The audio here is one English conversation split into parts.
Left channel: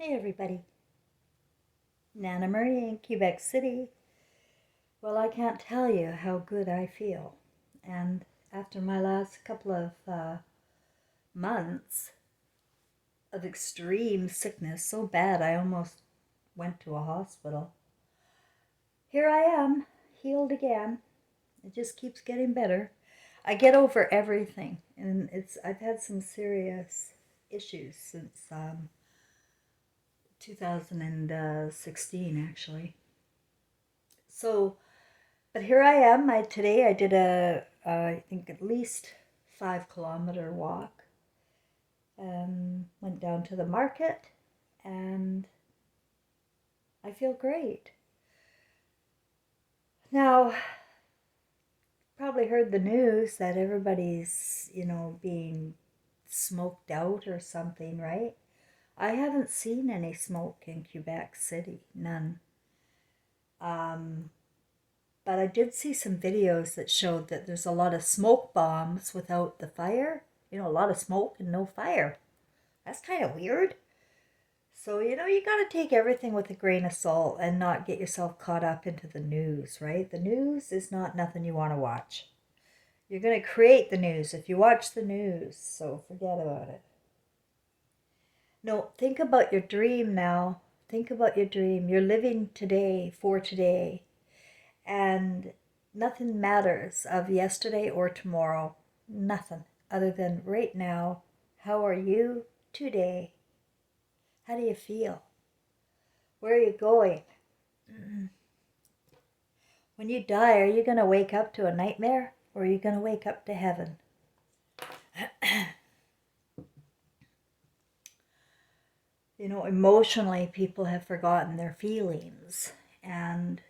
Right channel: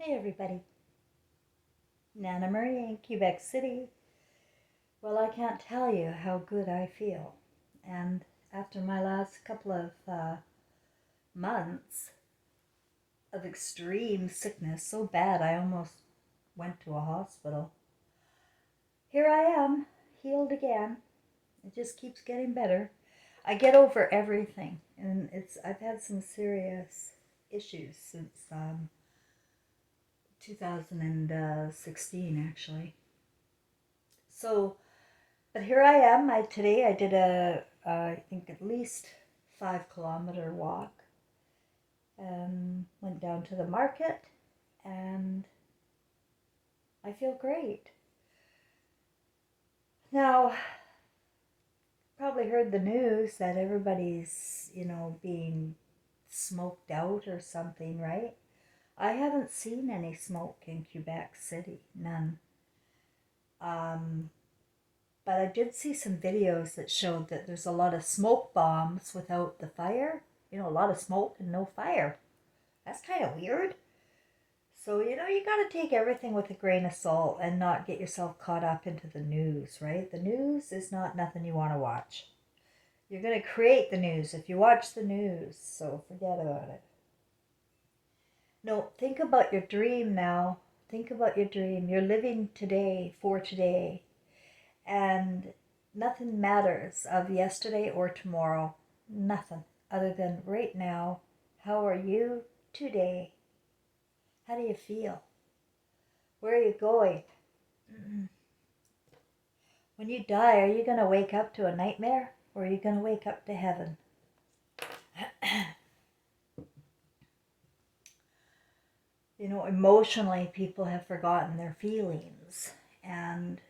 Hey everybody, Nana Marie in Quebec City. Well, I can't tell you how good I feel. And after my last couple of months of extreme sickness, so bad I almost went to a hospital, here I am, healed again. It just keeps getting better. I get over everything, and I've had some serious issues since 2016 actually. So but here I am. Today I did I think at least 5 kilometer walk. Went down to the market, and I feel great. Now, probably heard the news that everybody's being smoked out or something, right? I haven't seen any smoke in Quebec City, none. Um, but I did see some videos that showed that there's a lot of smoke bombs without the fire. A lot of smoke and no fire. That's kind of weird. So, you got to take everything with a grain of salt and not get yourself caught up into the news, right? The news is not nothing you want to watch. You're going to create the news if you watch the news, so forget about it. No, think about your dream now. Think about your dream. You're living today for today, and nothing matters of yesterday or tomorrow. Nothing other than right now. How are you today? How do you feel? Where are you going? When you die, are you going to wake up to a nightmare, or are you going to wake up to heaven? Emotionally, people have forgotten their feelings, and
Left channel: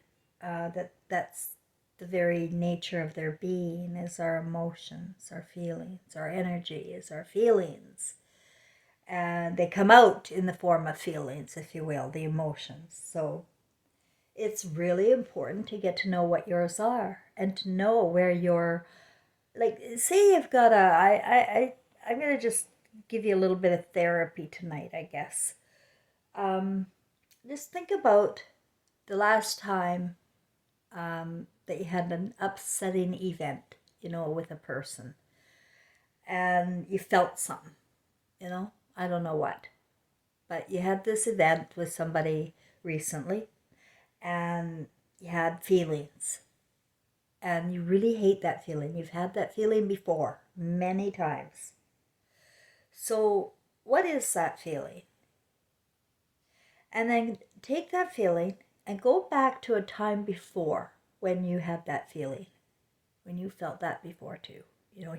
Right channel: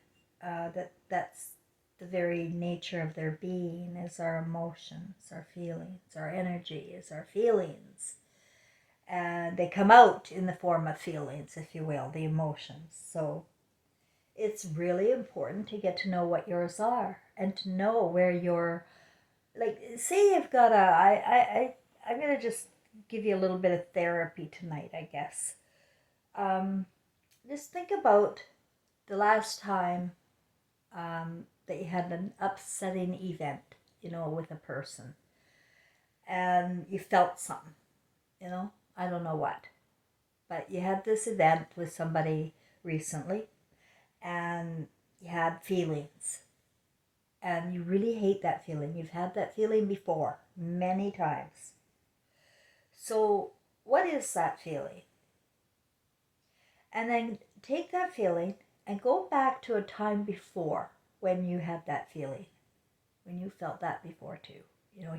that's the very nature of their being is our emotions, our feelings, our energy is our feelings. And they come out in the form of feelings, if you will, the emotions. So it's really important to get to know what yours are and to know where you're, like, say you've got I'm going to just give you a little bit of therapy tonight, I guess. um, just think about the last time that you had an upsetting event, with a person, and you felt something, I don't know what, but you had this event with somebody recently, and you had feelings, and you really hate that feeling. You've had that feeling before many times. So, what is that feeling? And then take that feeling and go back to a time before when you had that feeling, when you felt that before too.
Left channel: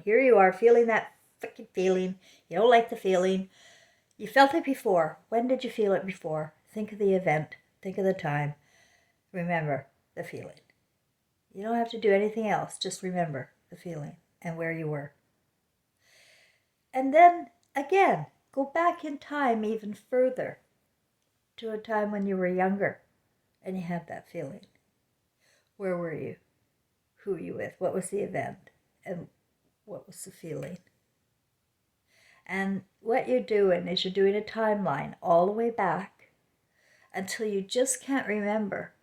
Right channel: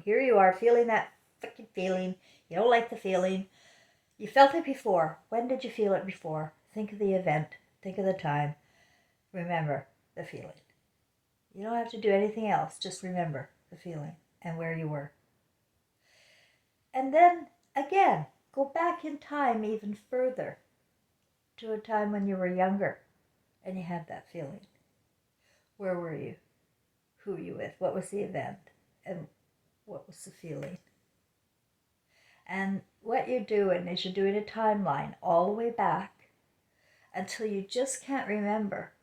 Here you are feeling that freaking feeling. You don't like the feeling. You felt it before. When did you feel it before? Think of the event. Think of the time. Remember the feeling. You don't have to do anything else. Just remember the feeling and where you were. And then again, go back in time even further to a time when you were younger and you had that feeling. Where were you? Who were you with? What was the event? And what was the feeling? And what you're doing is you're doing a timeline all the way back until you just can't remember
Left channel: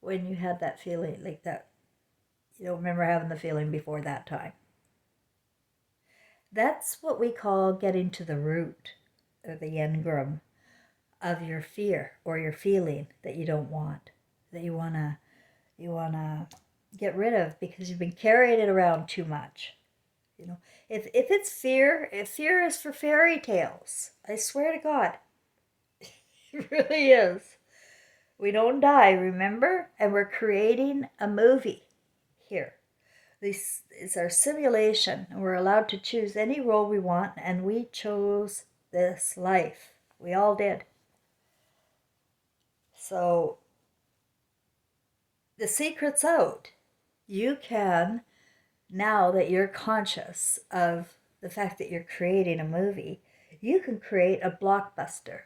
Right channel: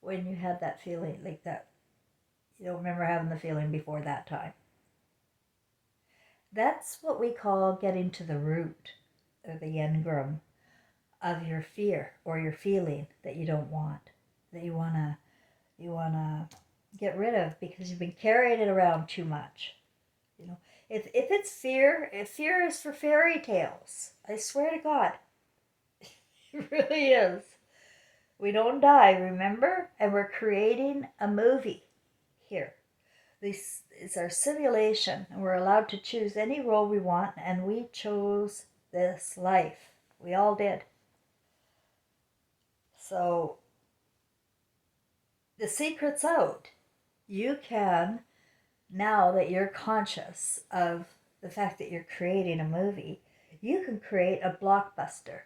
when you had that feeling like that. You don't remember having the feeling before that time. That's what we call getting to the root or the engram of your fear or your feeling that you don't want, that you wanna get rid of because you've been carrying it around too much. If it's fear, if fear is for fairy tales, I swear to God, it really is. We don't die, remember? And we're creating a movie here. This is our simulation, and we're allowed to choose any role we want, and we chose this life. We all did. So the secret's out. You can, now that you're conscious of the fact that you're creating a movie, you can create a blockbuster.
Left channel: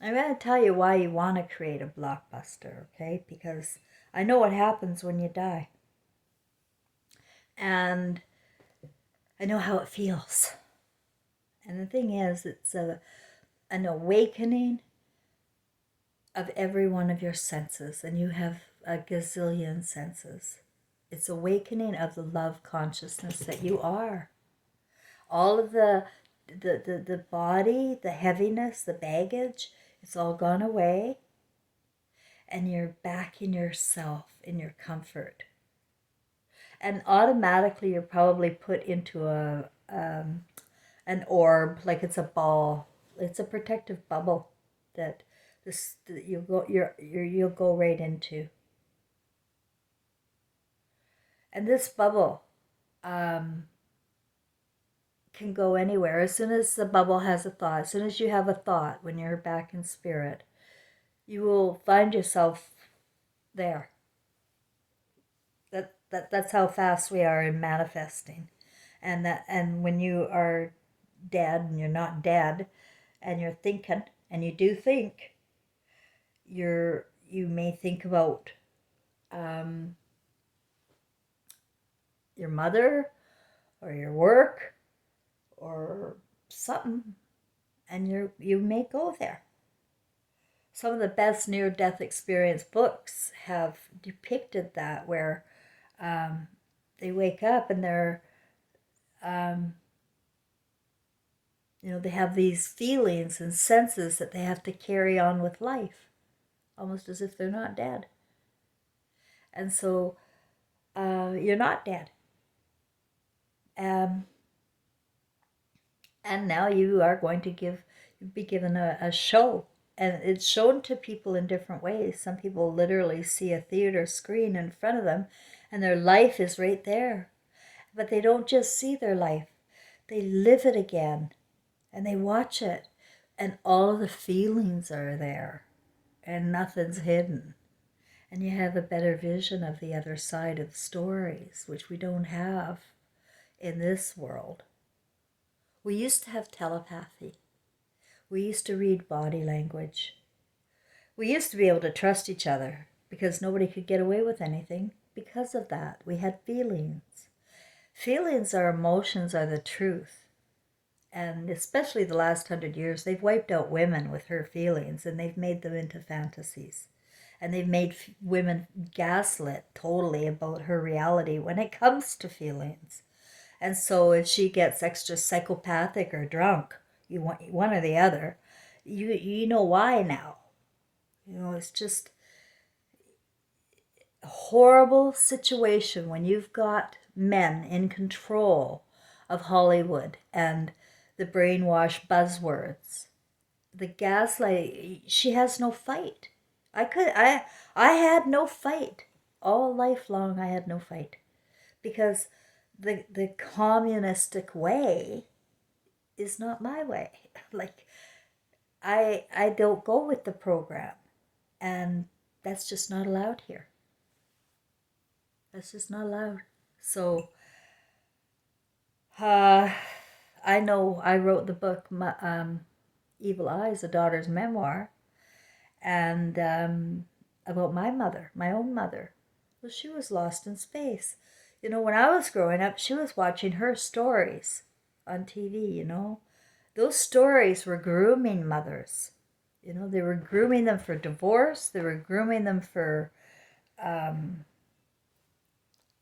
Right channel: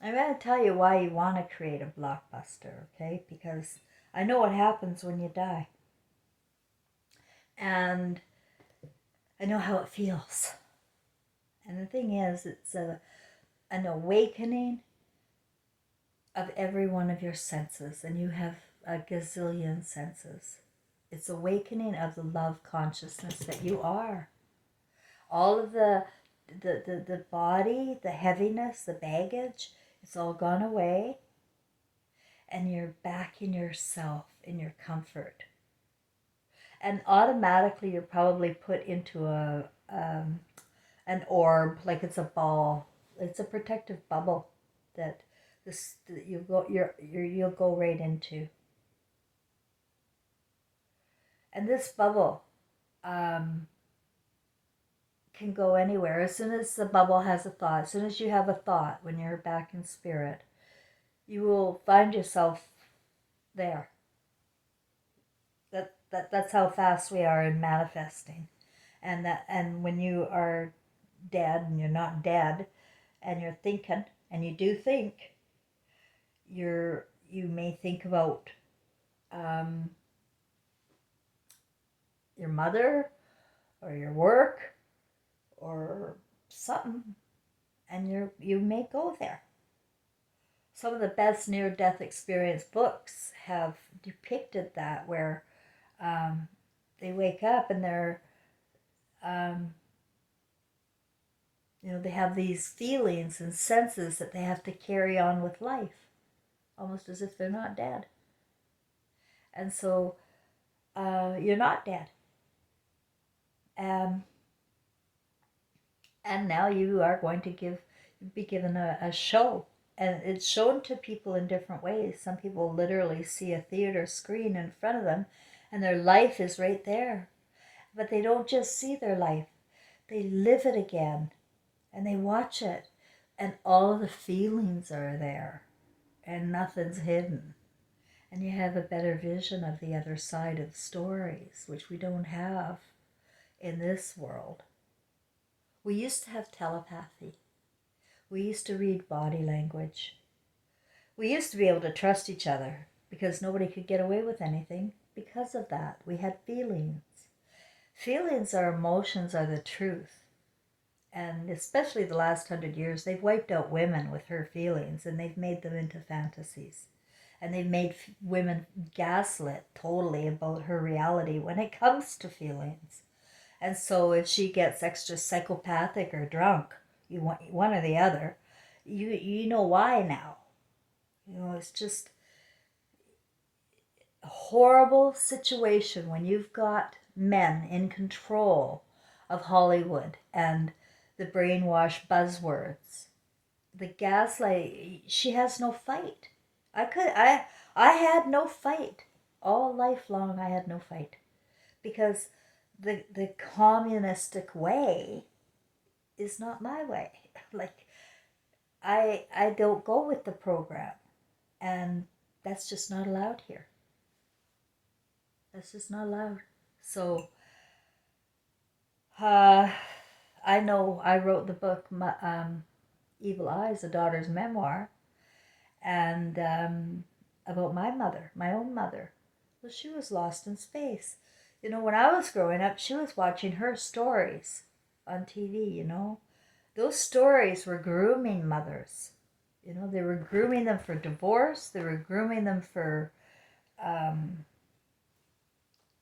I'm going to tell you why you want to create a blockbuster, okay? Because I know what happens when you die. And I know how it feels. And the thing is, it's an awakening of every one of your senses, and you have a gazillion senses. It's awakening of the love consciousness that you are. All of the body, the heaviness, the baggage, it's all gone away, and you're back in yourself, in your comfort. And automatically you're probably put into an orb, like it's a ball. It's a protective bubble that that you'll go right into. And this bubble can go anywhere. As soon as the bubble has a thought, as soon as you have a thought, when you're back in spirit, you will find yourself there. That's how fast we are in manifesting. And when you are dead and you're not dead, and you're thinking, and you do think, you may think about um, your mother or your work or something, and you may go there. Some of the best near-death experience books have depicted that, where they wake up and they're they have these feelings and senses that they have to carry on with life, almost as if they're not dead. And so you're not dead. And now you are going to be given a show. And it's shown to people in different ways. Some people literally see a theater screen in front of them, and their life is right there. But they don't just see their life, they live it again, and they watch it. And all the feelings are there, and nothing's hidden. And you have a better vision of the other side of the stories, which we don't have in this world. We used to have telepathy. We used to read body language. We used to be able to trust each other because nobody could get away with anything because of that. We had feelings. Feelings, our emotions, are the truth. And especially the last 100 years, they've wiped out women with her feelings, and they've made them into fantasies. And they've made women gaslit totally about her reality when it comes to feelings. And so if she gets extra psychopathic or drunk, you want one or the other, you know why now. It's just a horrible situation when you've got men in control of Hollywood and the brainwash buzzwords. The gaslight, she has no fight. I had no fight. All life long I had no fight. Because the communistic way is not my way. Like, I don't go with the program, and that's just not allowed here. That's just not allowed. So I know I wrote the book Evil Eyes, a daughter's memoir, and about my mother, my own mother. Well, she was lost in space. When I was growing up, she was watching her stories on TV. Those stories were grooming mothers. They were grooming them for divorce. They were grooming them for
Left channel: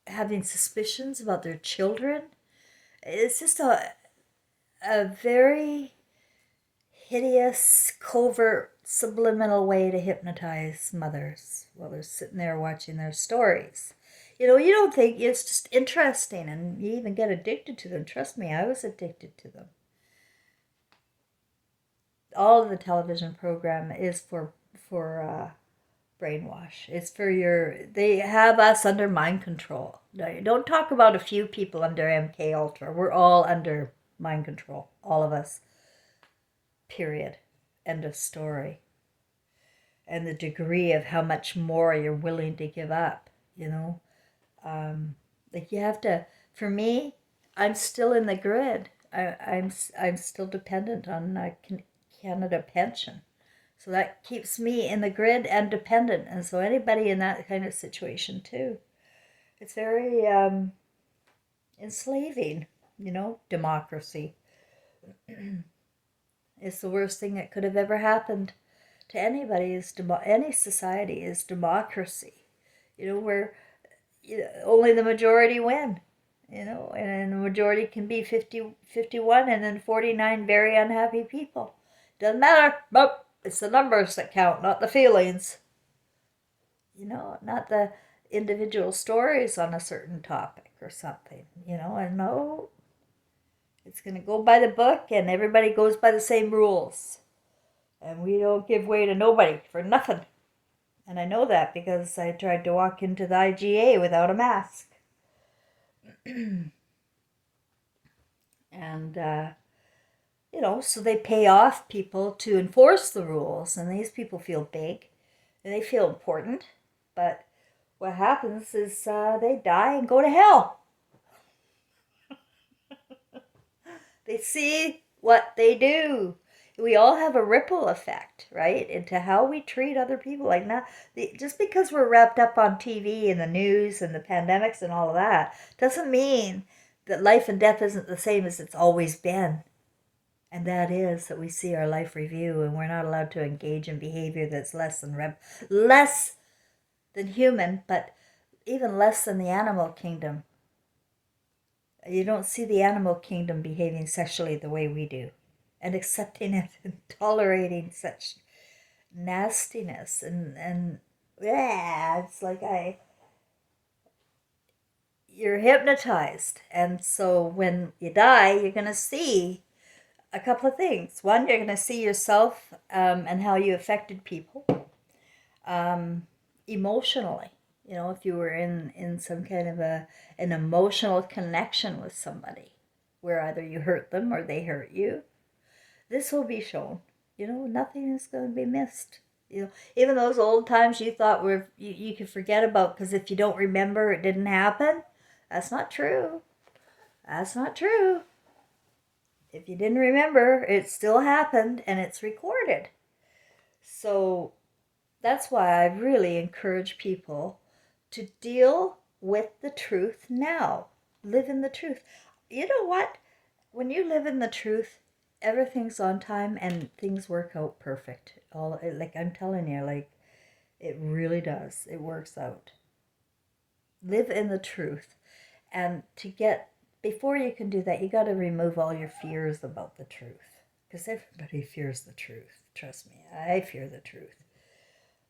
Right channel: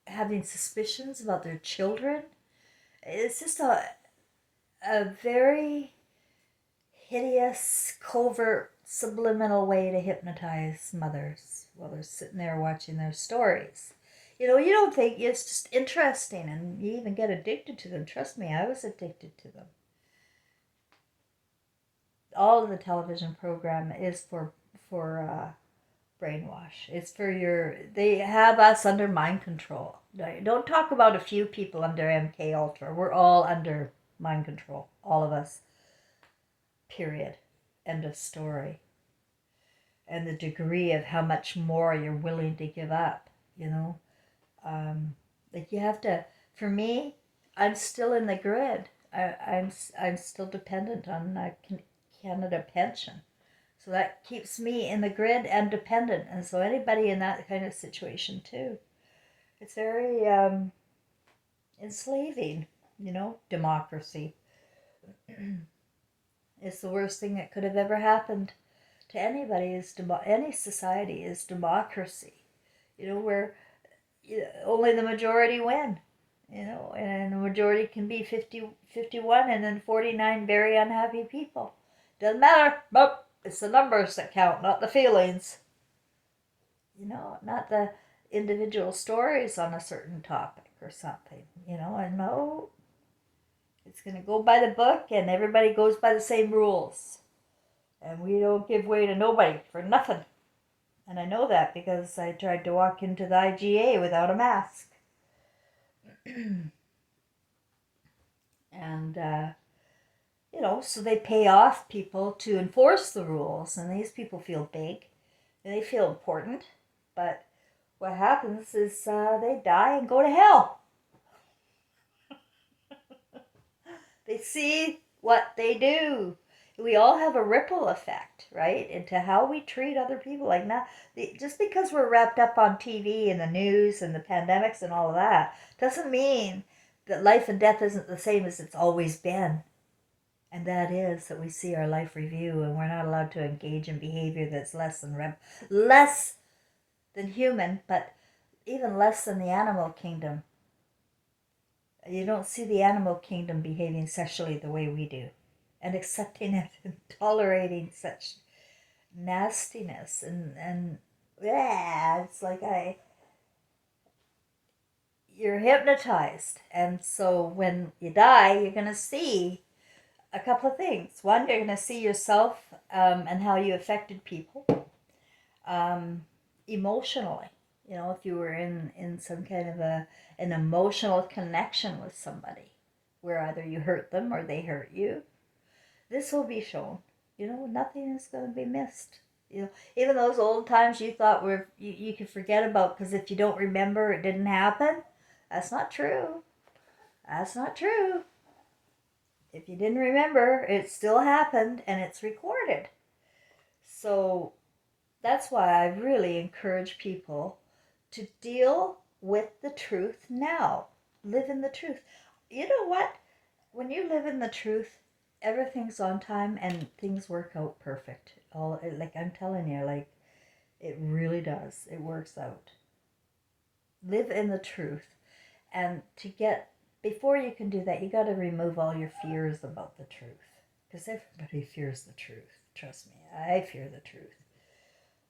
having suspicions about their children. It's just a very hideous, covert, subliminal way to hypnotize mothers while they're sitting there watching their stories. You don't think, it's just interesting, and you even get addicted to them. Trust me, I was addicted to them. All of the television program is for brainwash. It's for they have us under mind control. Don't talk about a few people under MK Ultra. We're all under mind control, all of us. Period. End of story. And the degree of how much more you're willing to give up, like you have to. For me, I'm still in the grid. I'm still dependent on Canada pension, so that keeps me in the grid and dependent. And so anybody in that kind of situation too, it's very enslaving. Democracy. It's the worst thing that could have ever happened to anybody is any society is democracy. Where only the majority win. And the majority can be 51, and then 49 very unhappy people. Doesn't matter. Nope. It's the numbers that count, not the feelings. Not the individual stories on a certain topic or something. And no, it's going to go by the book, and everybody goes by the same rules. And we don't give way to nobody for nothing. And I know that because I tried to walk into the IGA without a mask. And, so they pay off people to enforce the rules. And these people feel big and they feel important. But what happens is they die and go to hell. They see what they do. We all have a ripple effect, right, into how we treat other people. Like, now, just because we're wrapped up on TV and the news and the pandemics and all of that doesn't mean that life and death isn't the same as it's always been. And that is that we see our life review, and we're not allowed to engage in behavior that's less than human, but even less than the animal kingdom. You don't see the animal kingdom behaving sexually the way we do, and accepting it and tolerating such nastiness. And yeah, it's like you're hypnotized. And so when you die, you're going to see a couple of things. One, you're going to see yourself and how you affected people emotionally. If you were in some kind of an emotional connection with somebody where either you hurt them or they hurt you, this will be shown. Nothing is going to be missed. Even those old times you thought you could forget about because if you don't remember, it didn't happen. That's not true. That's not true. If you didn't remember, it still happened and it's recorded. So that's why I really encourage people to deal with the truth now. Live in the truth. You know what? When you live in the truth, everything's on time and things work out perfect. Like I'm telling you, like it really does. It works out. Live in the truth. And before you can do that, you got to remove all your fears about the truth. Because everybody fears the truth. Trust me, I fear the truth.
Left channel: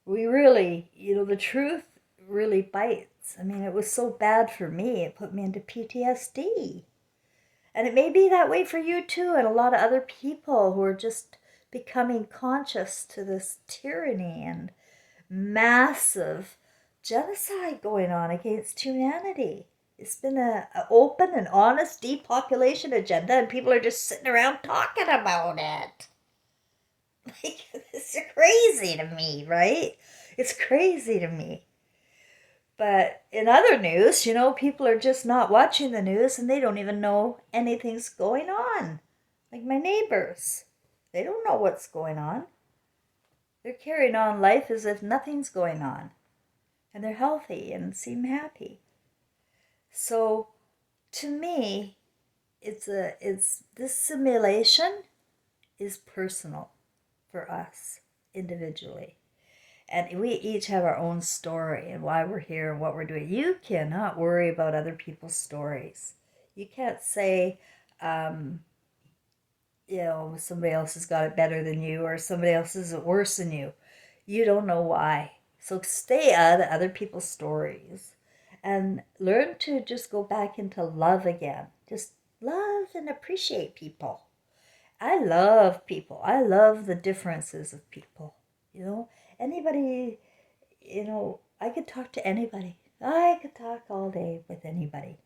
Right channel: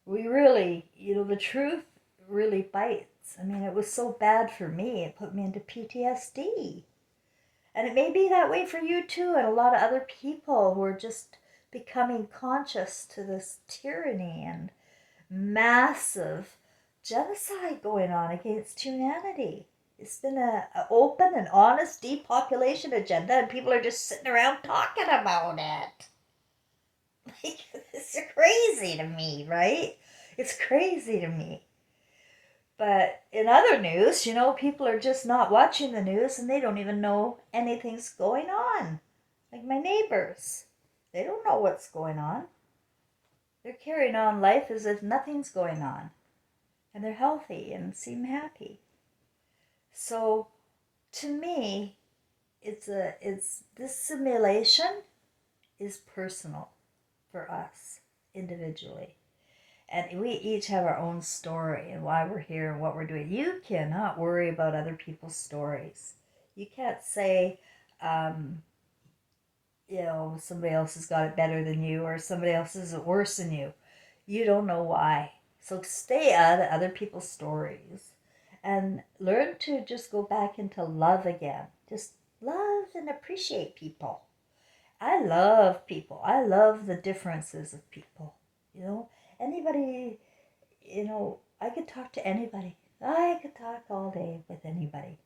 We really, the truth really bites. I mean, it was so bad for me, it put me into PTSD. And it may be that way for you too, and a lot of other people who are just becoming conscious to this tyranny and massive genocide going on against humanity. It's been an open and honest depopulation agenda, and people are just sitting around talking about it. Like, it's crazy to me, right? It's crazy to me. But in other news, people are just not watching the news and they don't even know anything's going on. Like my neighbors. They don't know what's going on. They're carrying on life as if nothing's going on. And they're healthy and seem happy. So to me, this simulation is personal for us individually. And we each have our own story and why we're here and what we're doing. You cannot worry about other people's stories. You can't say, somebody else has got it better than you or somebody else is it worse than you. You don't know why. So stay out of other people's stories and learn to just go back into love again. Just love and appreciate people. I love people. I love the differences of people. Anybody, I could talk to anybody. I could talk all day with anybody.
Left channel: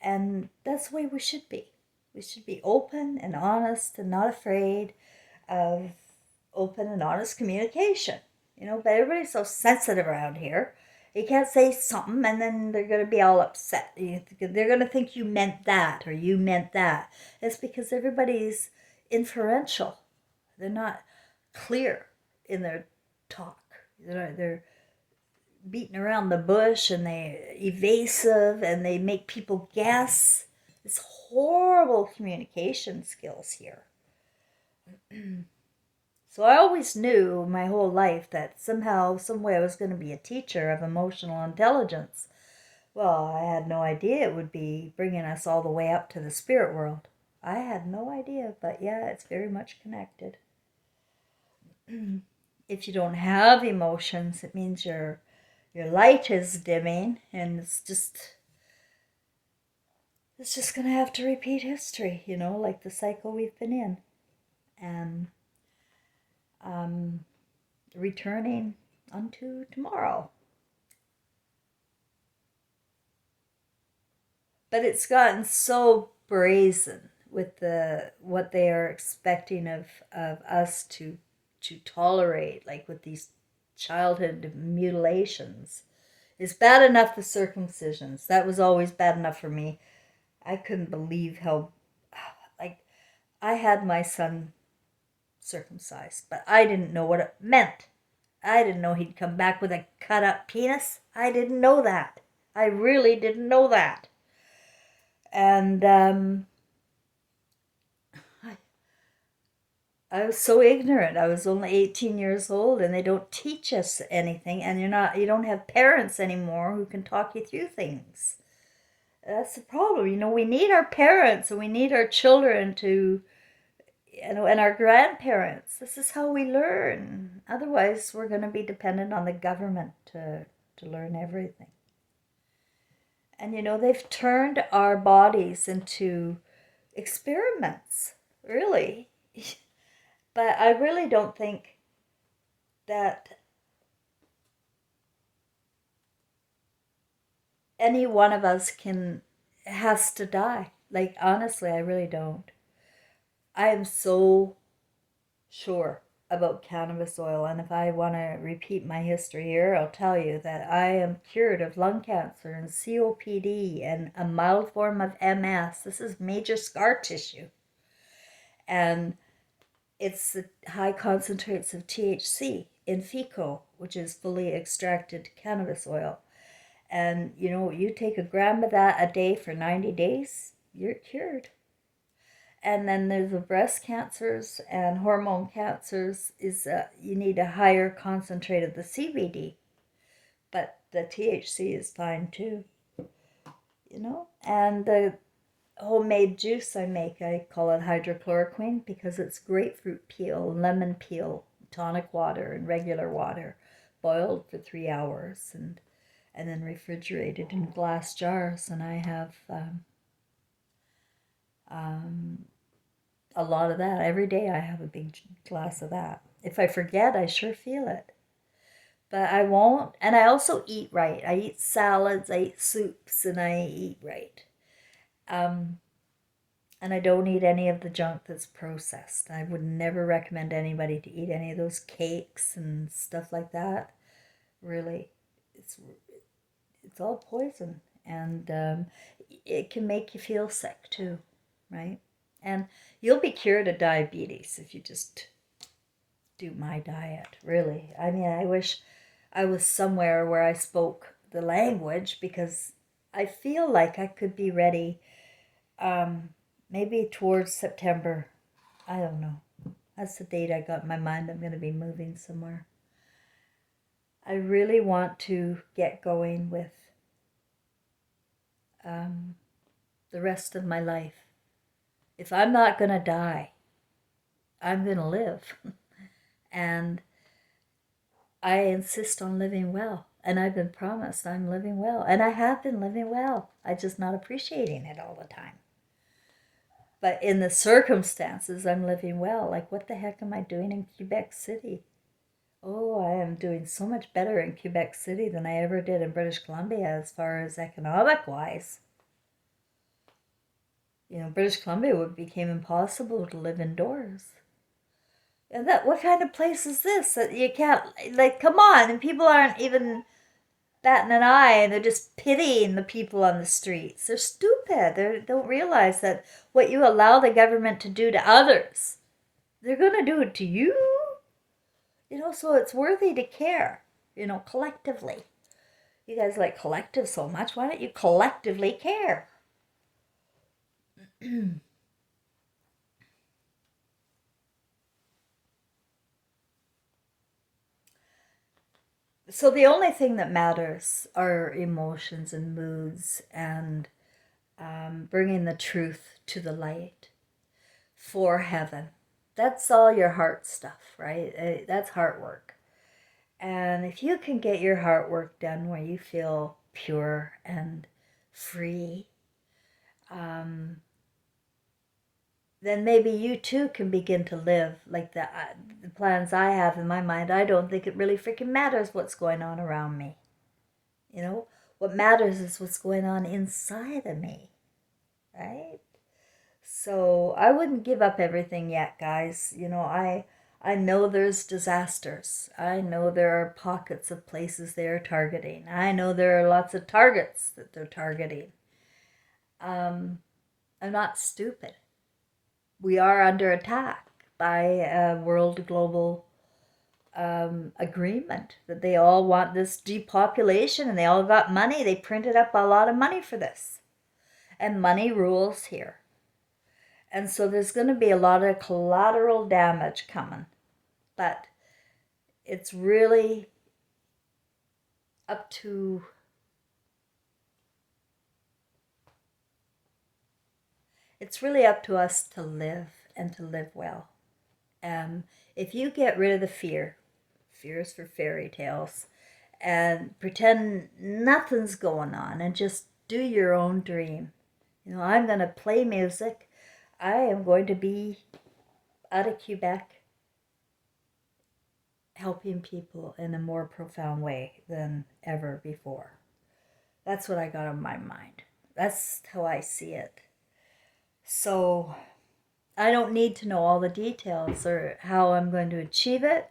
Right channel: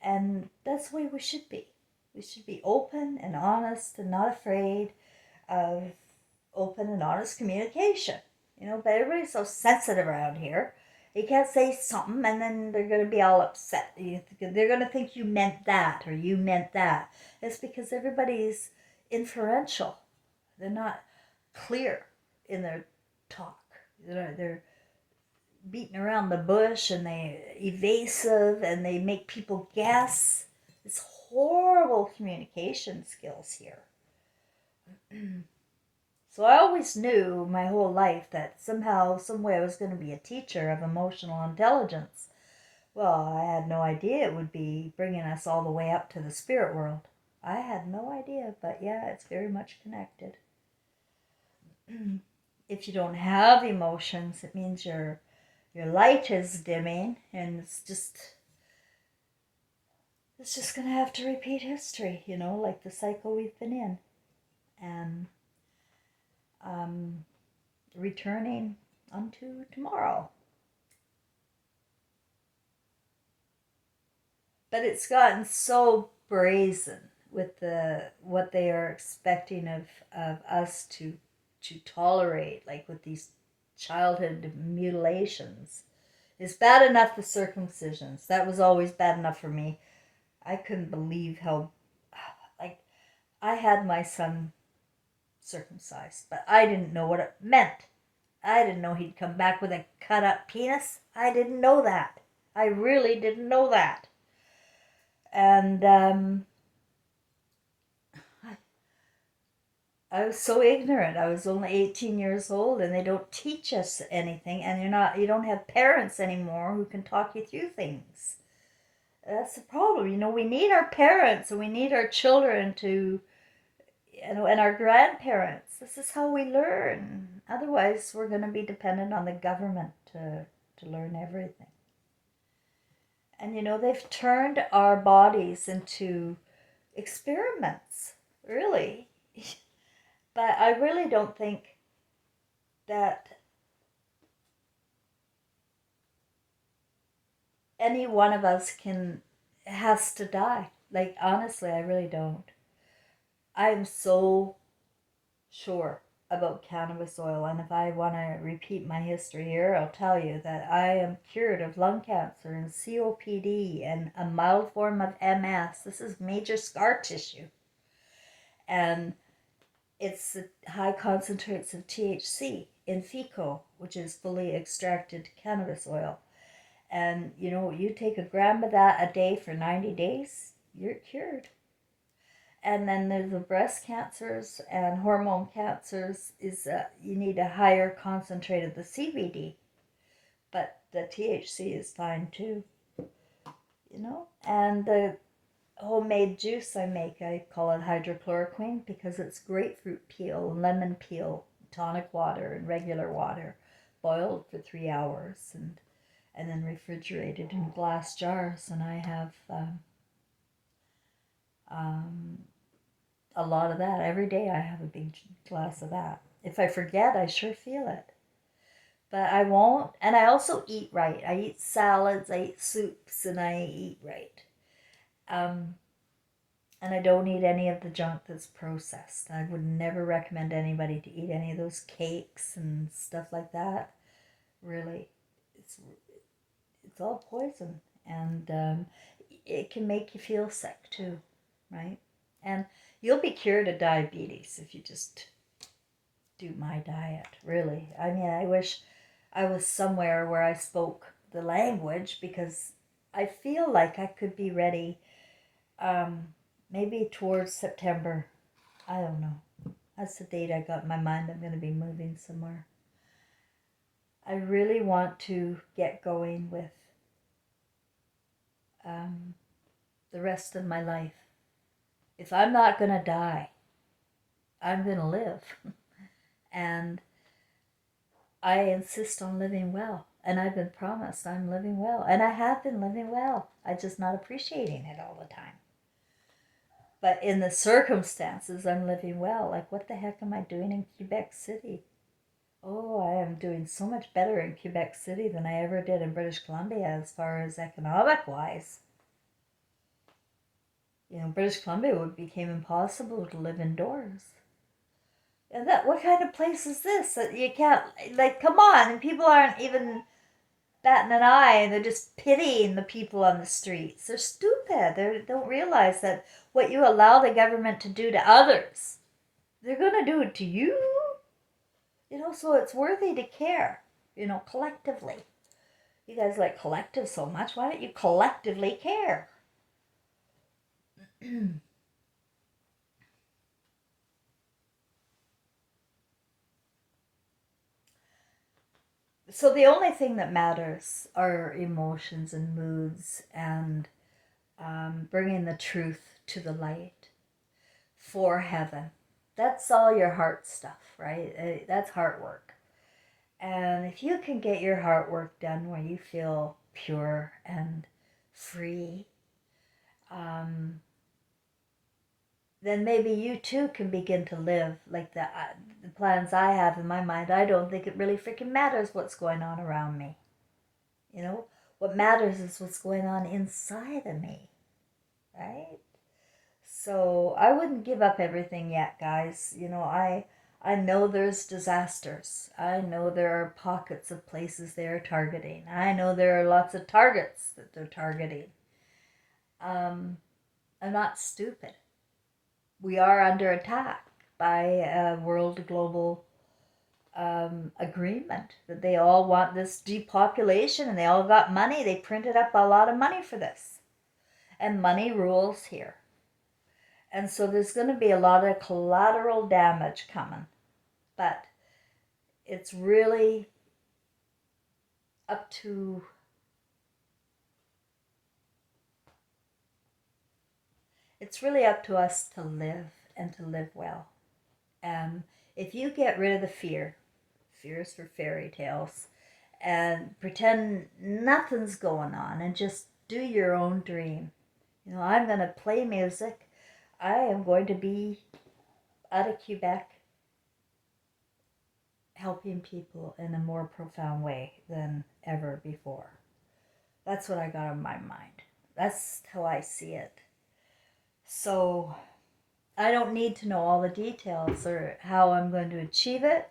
And that's the way we should be. We should be open and honest and not afraid of open and honest communication. But everybody's so sensitive around here. You can't say something and then they're going to be all upset. They're going to think you meant that or you meant that. It's because everybody's inferential. They're not clear in their talk. They're beating around the bush and they're evasive and they make people guess. It's horrible communication skills here. So I always knew my whole life that somehow, some way I was going to be a teacher of emotional intelligence. Well, I had no idea it would be bringing us all the way up to the spirit world. I had no idea, but yeah, it's very much connected. If you don't have emotions, it means your light is dimming, and it's just gonna have to repeat history, like the cycle we've been in, and um, returning unto tomorrow. But it's gotten so brazen with what they are expecting of us to tolerate, like with these childhood mutilations. It's bad enough the circumcisions. That was always bad enough for me. I couldn't believe how, like, I had my son circumcised, but I didn't know what it meant. I didn't know he'd come back with a cut up penis. I didn't know that. I really didn't know that. And I was so ignorant. I was only 18 years old, and they don't teach us anything, and you don't have parents anymore who can talk you through things. That's the problem. We need our parents, and we need our children to, and our grandparents. This is how we learn. Otherwise, we're going to be dependent on the government to learn everything. And they've turned our bodies into experiments, really. But I really don't think that any one of us has to die. Like, honestly, I really don't. I am so sure about cannabis oil, and if I want to repeat my history here, I'll tell you that I am cured of lung cancer and COPD and a mild form of MS. This is major scar tissue, and it's the high concentrates of THC in FECO, which is fully extracted cannabis oil. And you take a gram of that a day for 90 days, you're cured. And then there's the breast cancers and hormone cancers. Is you need a higher concentrate of the CBD, but the THC is fine too. And the homemade juice I make, I call it hydrochloroquine because it's grapefruit peel, lemon peel, tonic water, and regular water, boiled for 3 hours and then refrigerated in glass jars. And I have um, a lot of that. Every day I have a big glass of that. If I forget, I sure feel it. But I won't. And I also eat right. I eat salads, I eat soups, and I eat right. Um, and I don't eat any of the junk that's processed. I would never recommend anybody to eat any of those cakes and stuff like that. Really, it's all poison, and it can make you feel sick too, right? And you'll be cured of diabetes if you just do my diet. Really, I mean, I wish I was somewhere where I spoke the language, because I feel like I could be ready. Maybe towards September. I don't know. That's the date I got in my mind. I'm going to be moving somewhere. I really want to get going with um, the rest of my life. If I'm not going to die, I'm going to live. And I insist on living well. And I've been promised I'm living well. And I have been living well. I'm just not appreciating it all the time. But in the circumstances, I'm living well. Like, what the heck am I doing in Quebec City? Oh, I am doing so much better in Quebec City than I ever did in British Columbia as far as economic wise. British Columbia became impossible to live indoors. And what kind of place is this that you can't, like, come on, and people aren't even batting an eye, and they're just pitying the people on the streets. They're stupid. They don't realize that what you allow the government to do to others, they're going to do it to you. So it's worthy to care, collectively. You guys like collective so much. Why don't you collectively care? So the only thing that matters are emotions and moods and bringing the truth to the light for heaven. That's all your heart stuff, right? That's heart work. And if you can get your heart work done where you feel pure and free, um, then maybe you too can begin to live like the plans I have in my mind. I don't think it really freaking matters what's going on around me. You know, what matters is what's going on inside of me, right? So I wouldn't give up everything yet, guys. I know there's disasters. I know there are pockets of places they are targeting. I know there are lots of targets that they're targeting. I'm not stupid. We are under attack by a world global agreement that they all want this depopulation and they all got money. They printed up a lot of money for this. And money rules here. And so there's going to be a lot of collateral damage coming. But it's really up to us to live and to live well. If you get rid of the fear is for fairy tales, and pretend nothing's going on and just do your own dream. I'm going to play music. I am going to be out of Quebec helping people in a more profound way than ever before. That's what I got on my mind. That's how I see it. So I don't need to know all the details or how I'm going to achieve it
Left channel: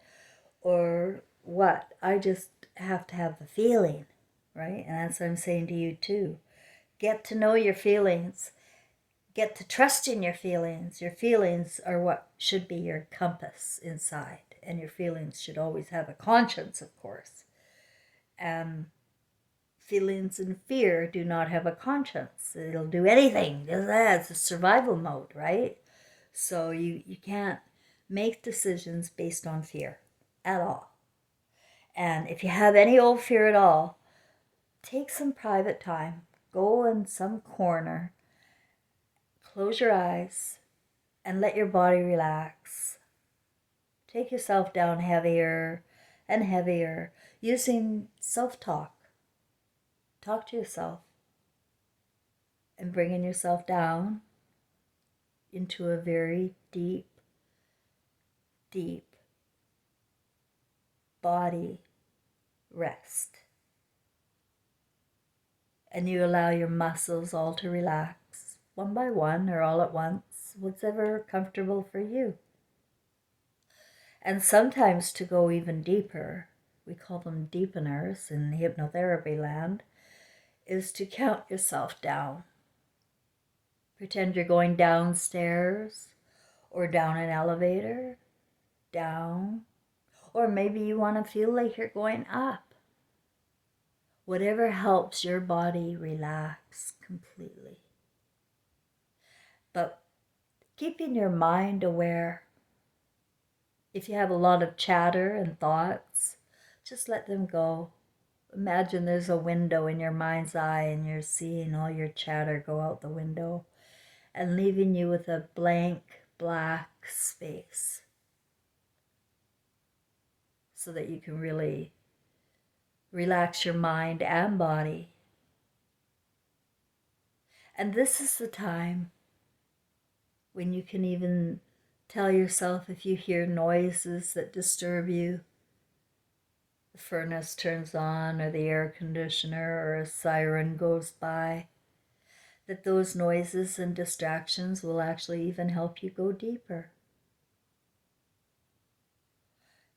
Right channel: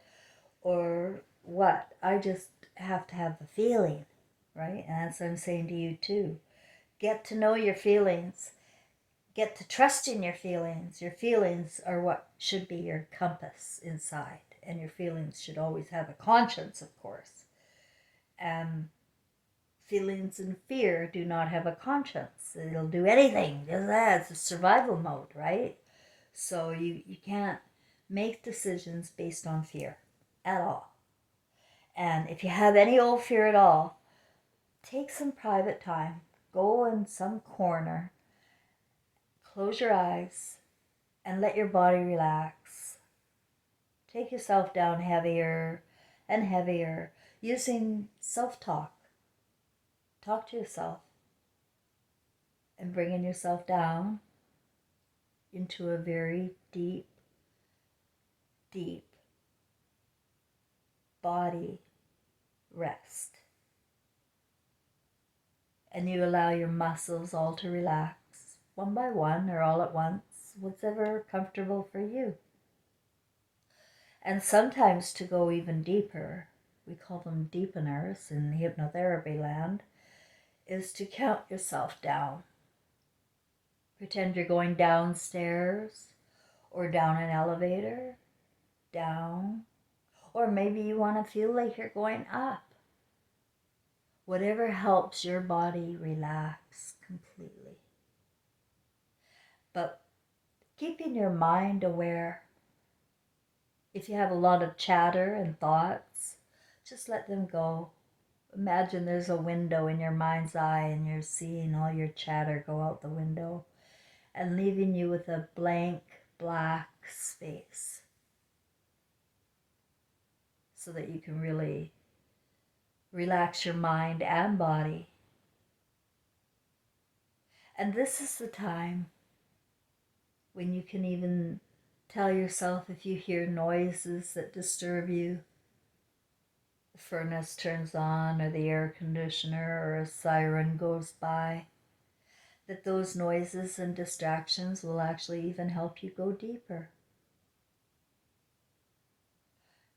or what. I just have to have the feeling, right? And that's what I'm saying to you too. Get to know your feelings. Get to trust in your feelings. Your feelings are what should be your compass inside. And your feelings should always have a conscience, of course. And feelings and fear do not have a conscience. It'll do anything. It's a survival mode, right? So you can't make decisions based on fear at all. And if you have any old fear at all, take some private time. Go in some corner, close your eyes, and let your body relax. Take yourself down heavier and heavier using self-talk. Talk to yourself and bringing yourself down into a very deep, deep body rest. And you allow your muscles all to relax, one by one or all at once, whatever comfortable for you. And sometimes to go even deeper, we call them deepeners in hypnotherapy land, is to count yourself down. Pretend you're going downstairs or down an elevator, down, or maybe you want to feel like you're going up. Whatever helps your body relax completely. But keeping your mind aware. If you have a lot of chatter and thoughts, just let them go. Imagine there's a window in your mind's eye and you're seeing all your chatter go out the window and leaving you with a blank, black space so that you can really relax your mind and body. And this is the time when you can even tell yourself if you hear noises that disturb you, the furnace turns on or the air conditioner or a siren goes by, that those noises and distractions will actually even help you go deeper.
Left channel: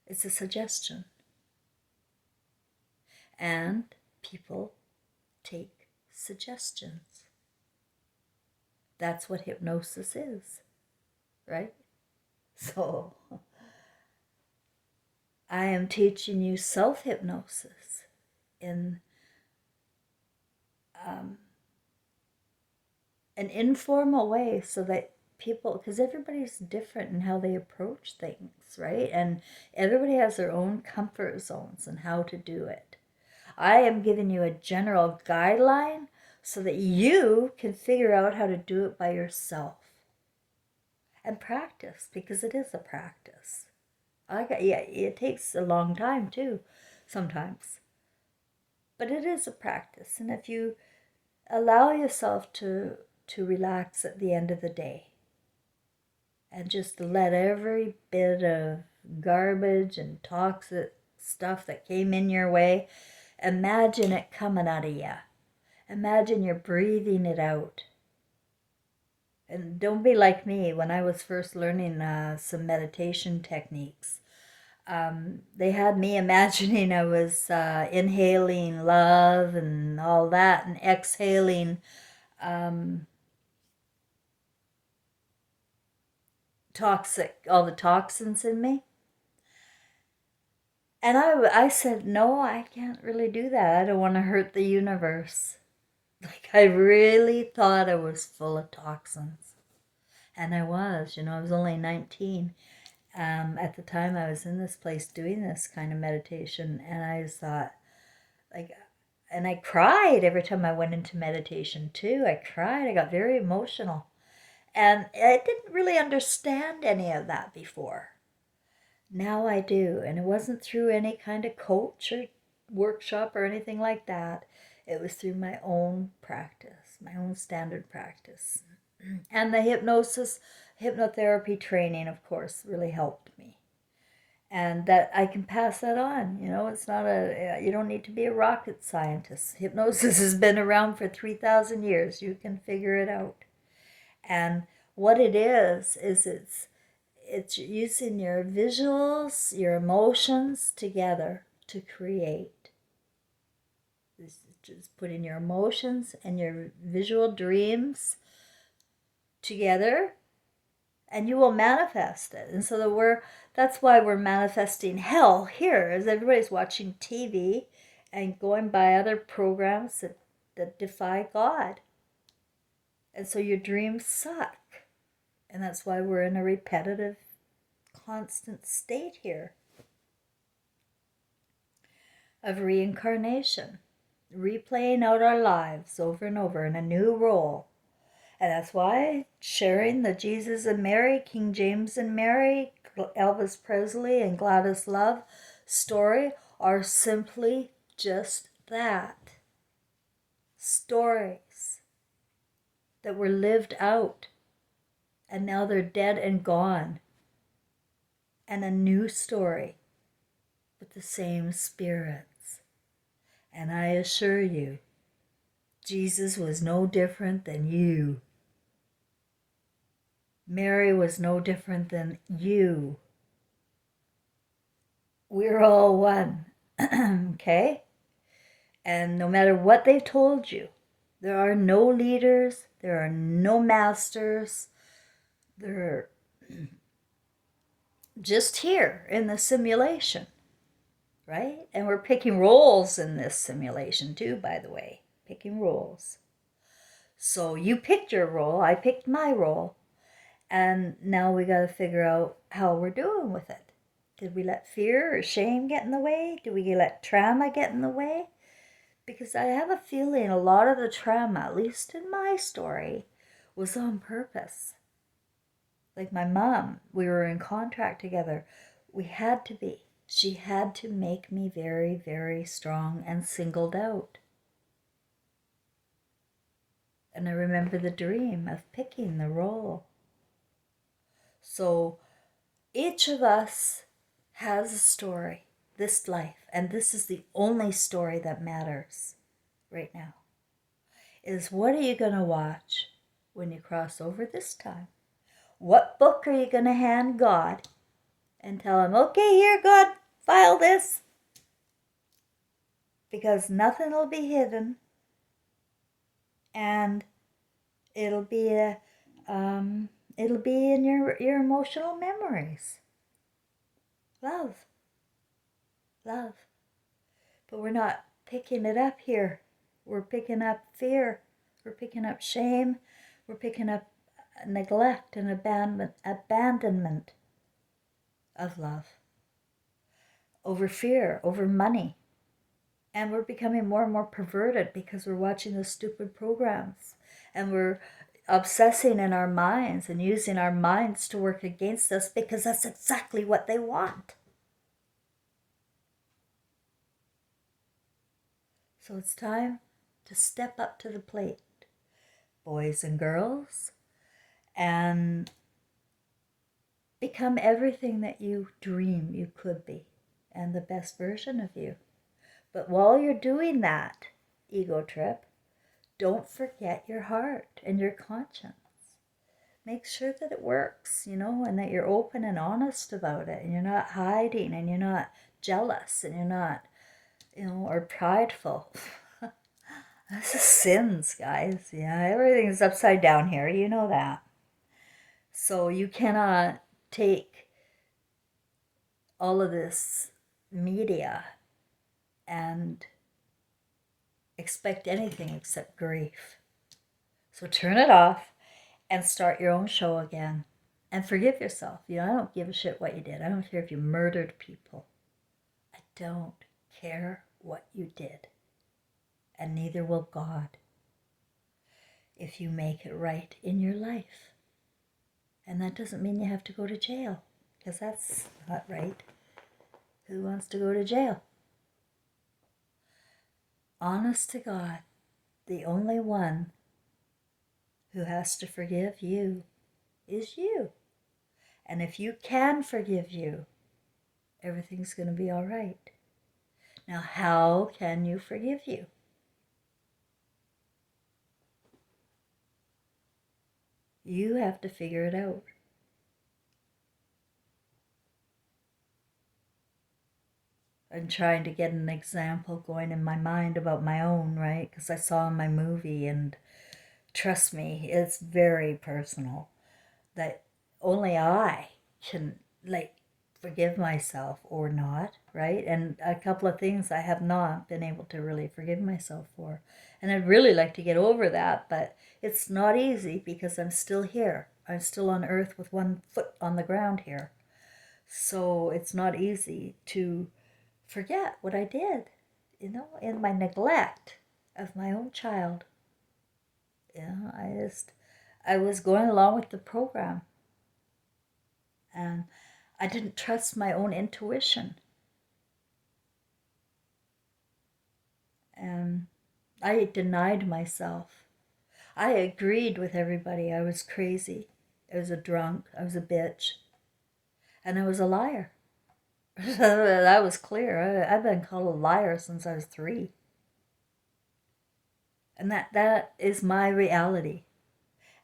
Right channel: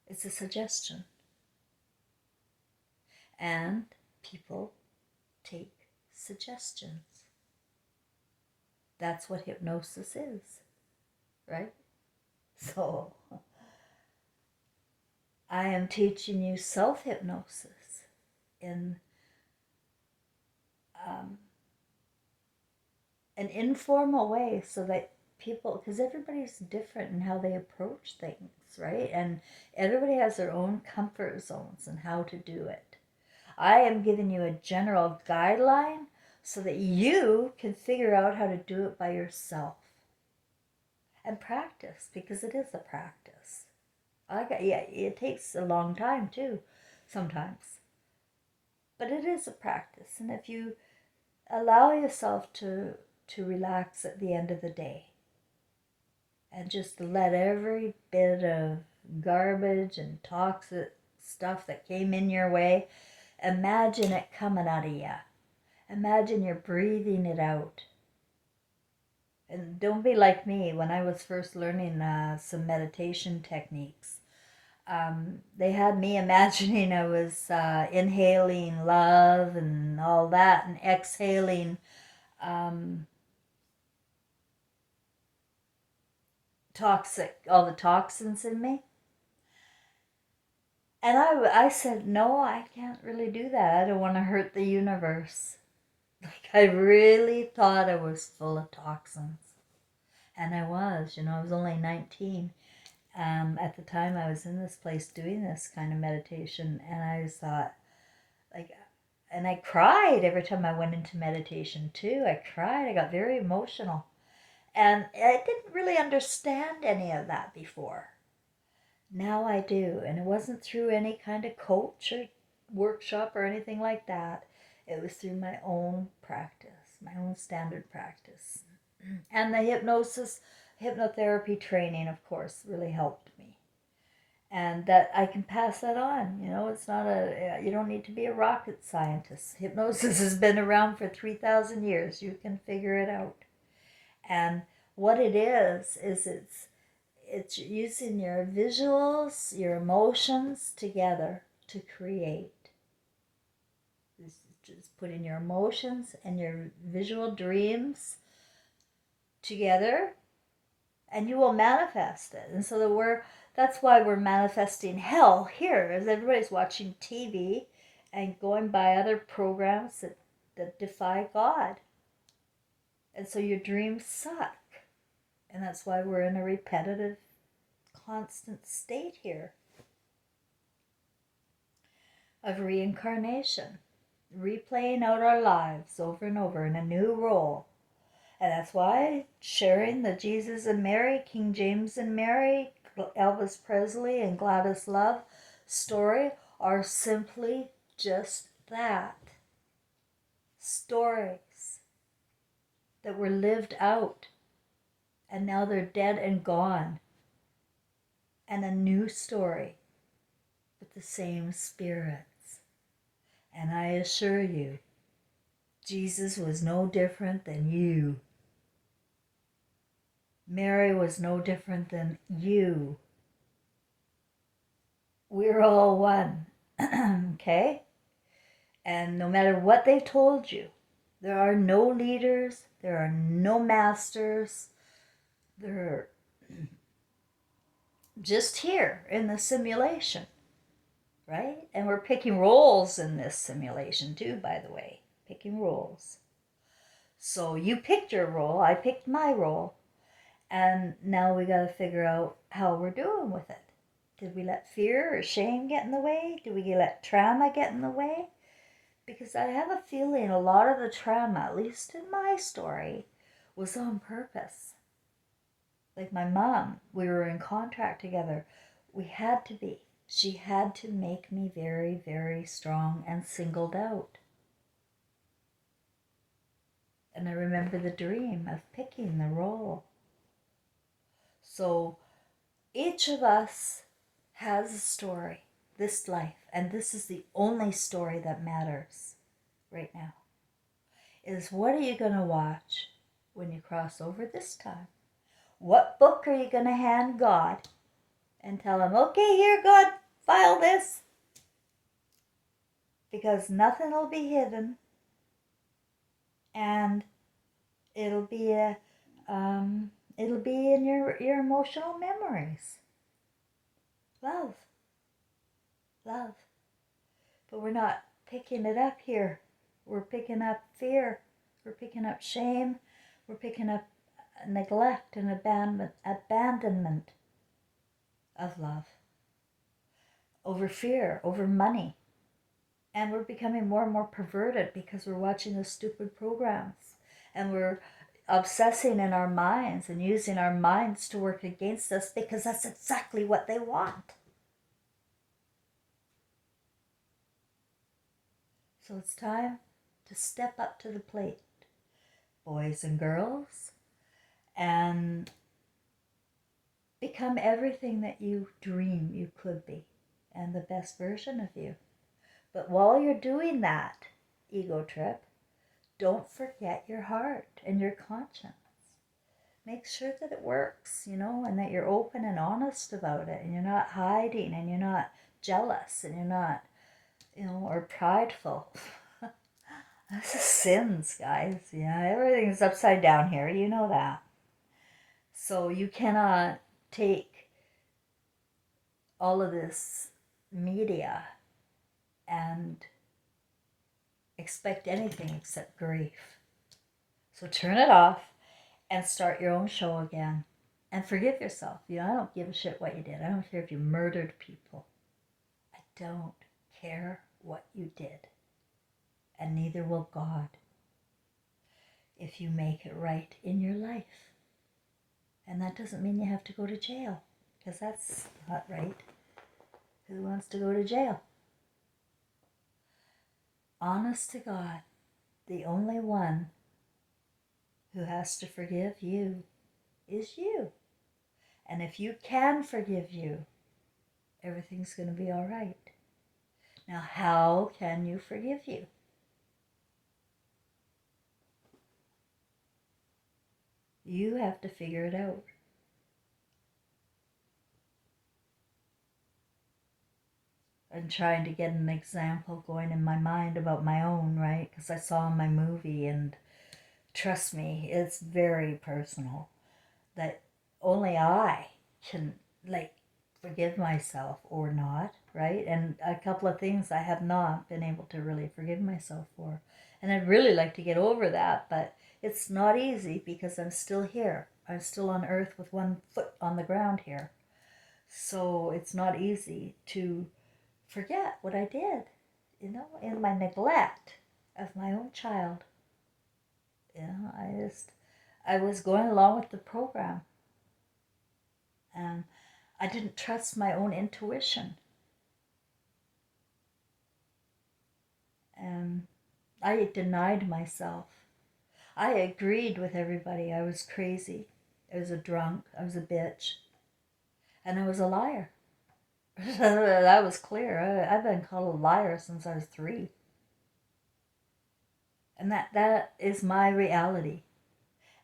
It's a suggestion. And people take suggestions. That's what hypnosis is, right? So I am teaching you self-hypnosis in an informal way so that people, because everybody's different in how they approach things, right? And everybody has their own comfort zones and how to do it. I am giving you a general guideline so that you can figure out how to do it by yourself and practice, because it is a practice. Yeah, it takes a long time too, sometimes, but it is a practice. And if you allow yourself to relax at the end of the day and just let every bit of garbage and toxic stuff that came in your way, imagine it coming out of you. Imagine you're breathing it out. And don't be like me. When I was first learning some meditation techniques, they had me imagining I was inhaling love and all that, and exhaling all the toxins in me. And I said, no, I can't really do that. I don't want to hurt the universe. Like, I really thought I was full of toxins. And I was, I was only 19. At the time I was in this place doing this kind of meditation. And I just thought, like, and I cried every time I went into meditation too. I cried. I got very emotional. And I didn't really understand any of that before. Now I do. And it wasn't through any kind of coach or workshop or anything like that. It was through my own practice, my own standard practice. And the hypnotherapy training, of course, really helped me. And that I can pass that on. It's not you don't need to be a rocket scientist. Hypnosis has been around for 3,000 years. You can figure it out. And what it is it's using your visuals, your emotions together to create. This is just putting your emotions and your visual dreams together, and you will manifest it. And so that's why we're manifesting hell here, as everybody's watching TV and going by other programs that defy God. And so your dreams suck. And that's why we're in a repetitive, constant state here of reincarnation, replaying out our lives over and over in a new role. And that's why sharing the Jesus and Mary, King James and Mary, Elvis Presley and Gladys Love story are simply just that. Stories that were lived out, and now they're dead and gone. And a new story with the same spirits. And I assure you, Jesus was no different than you. Mary was no different than you. We're all one. Okay? And no matter what they've told you, there are no leaders, there are no masters, they're just here in the simulation, right? And we're picking roles in this simulation too, by the way, picking roles. So you picked your role, I picked my role, and now we got to figure out how we're doing with it. Did we let fear or shame get in the way? Did we let trauma get in the way? Because I have a feeling a lot of the trauma, at least in my story, was on purpose. Like my mom, we were in contract together. We had to be. She had to make me very, very strong and singled out. And I remember the dream of picking the role. So each of us has a story, this life, and this is the only story that matters right now, is what are you going to watch when you cross over this time? What book are you going to hand God and tell him, okay, here, God, file this? Because nothing will be hidden, and it'll be in your emotional memories. Love. But we're not picking it up here. We're picking up fear. We're picking up shame. We're picking up neglect and abandonment of love, over fear, over money. And we're becoming more and more perverted because we're watching those stupid programs, and we're obsessing in our minds and using our minds to work against us because that's exactly what they want. So it's time to step up to the plate, boys and girls, and become everything that you dream you could be and the best version of you. But while you're doing that ego trip, don't forget your heart and your conscience. Make sure that it works, and that you're open and honest about it, and you're not hiding, and you're not jealous, and you're not, or prideful. This is sins, guys. Yeah, everything's upside down here. You know that. So you cannot take all of this media and expect anything except grief. So turn it off and start your own show again. And forgive yourself. I don't give a shit what you did. I don't care if you murdered people. I don't care what you did. And neither will God if you make it right in your life. And that doesn't mean you have to go to jail, because that's not right. Who wants to go to jail? Honest to God, the only one who has to forgive you is you. And if you can forgive you, everything's going to be all right. Now, how can you forgive you? You have to figure it out. I'm trying to get an example going in my mind about my own, right? Because I saw my movie, and trust me, it's very personal. That only I can, forgive myself or not, right? And a couple of things I have not been able to really forgive myself for. And I'd really like to get over that, but it's not easy because I'm still here. I'm still on earth with one foot on the ground here. So it's not easy to forget what I did, in my neglect of my own child. I was going along with the program, and I didn't trust my own intuition. And I denied myself. I agreed with everybody. I was crazy. I was a drunk. I was a bitch. And I was a liar. That was clear. I've been called a liar since I was 3. And that is my reality.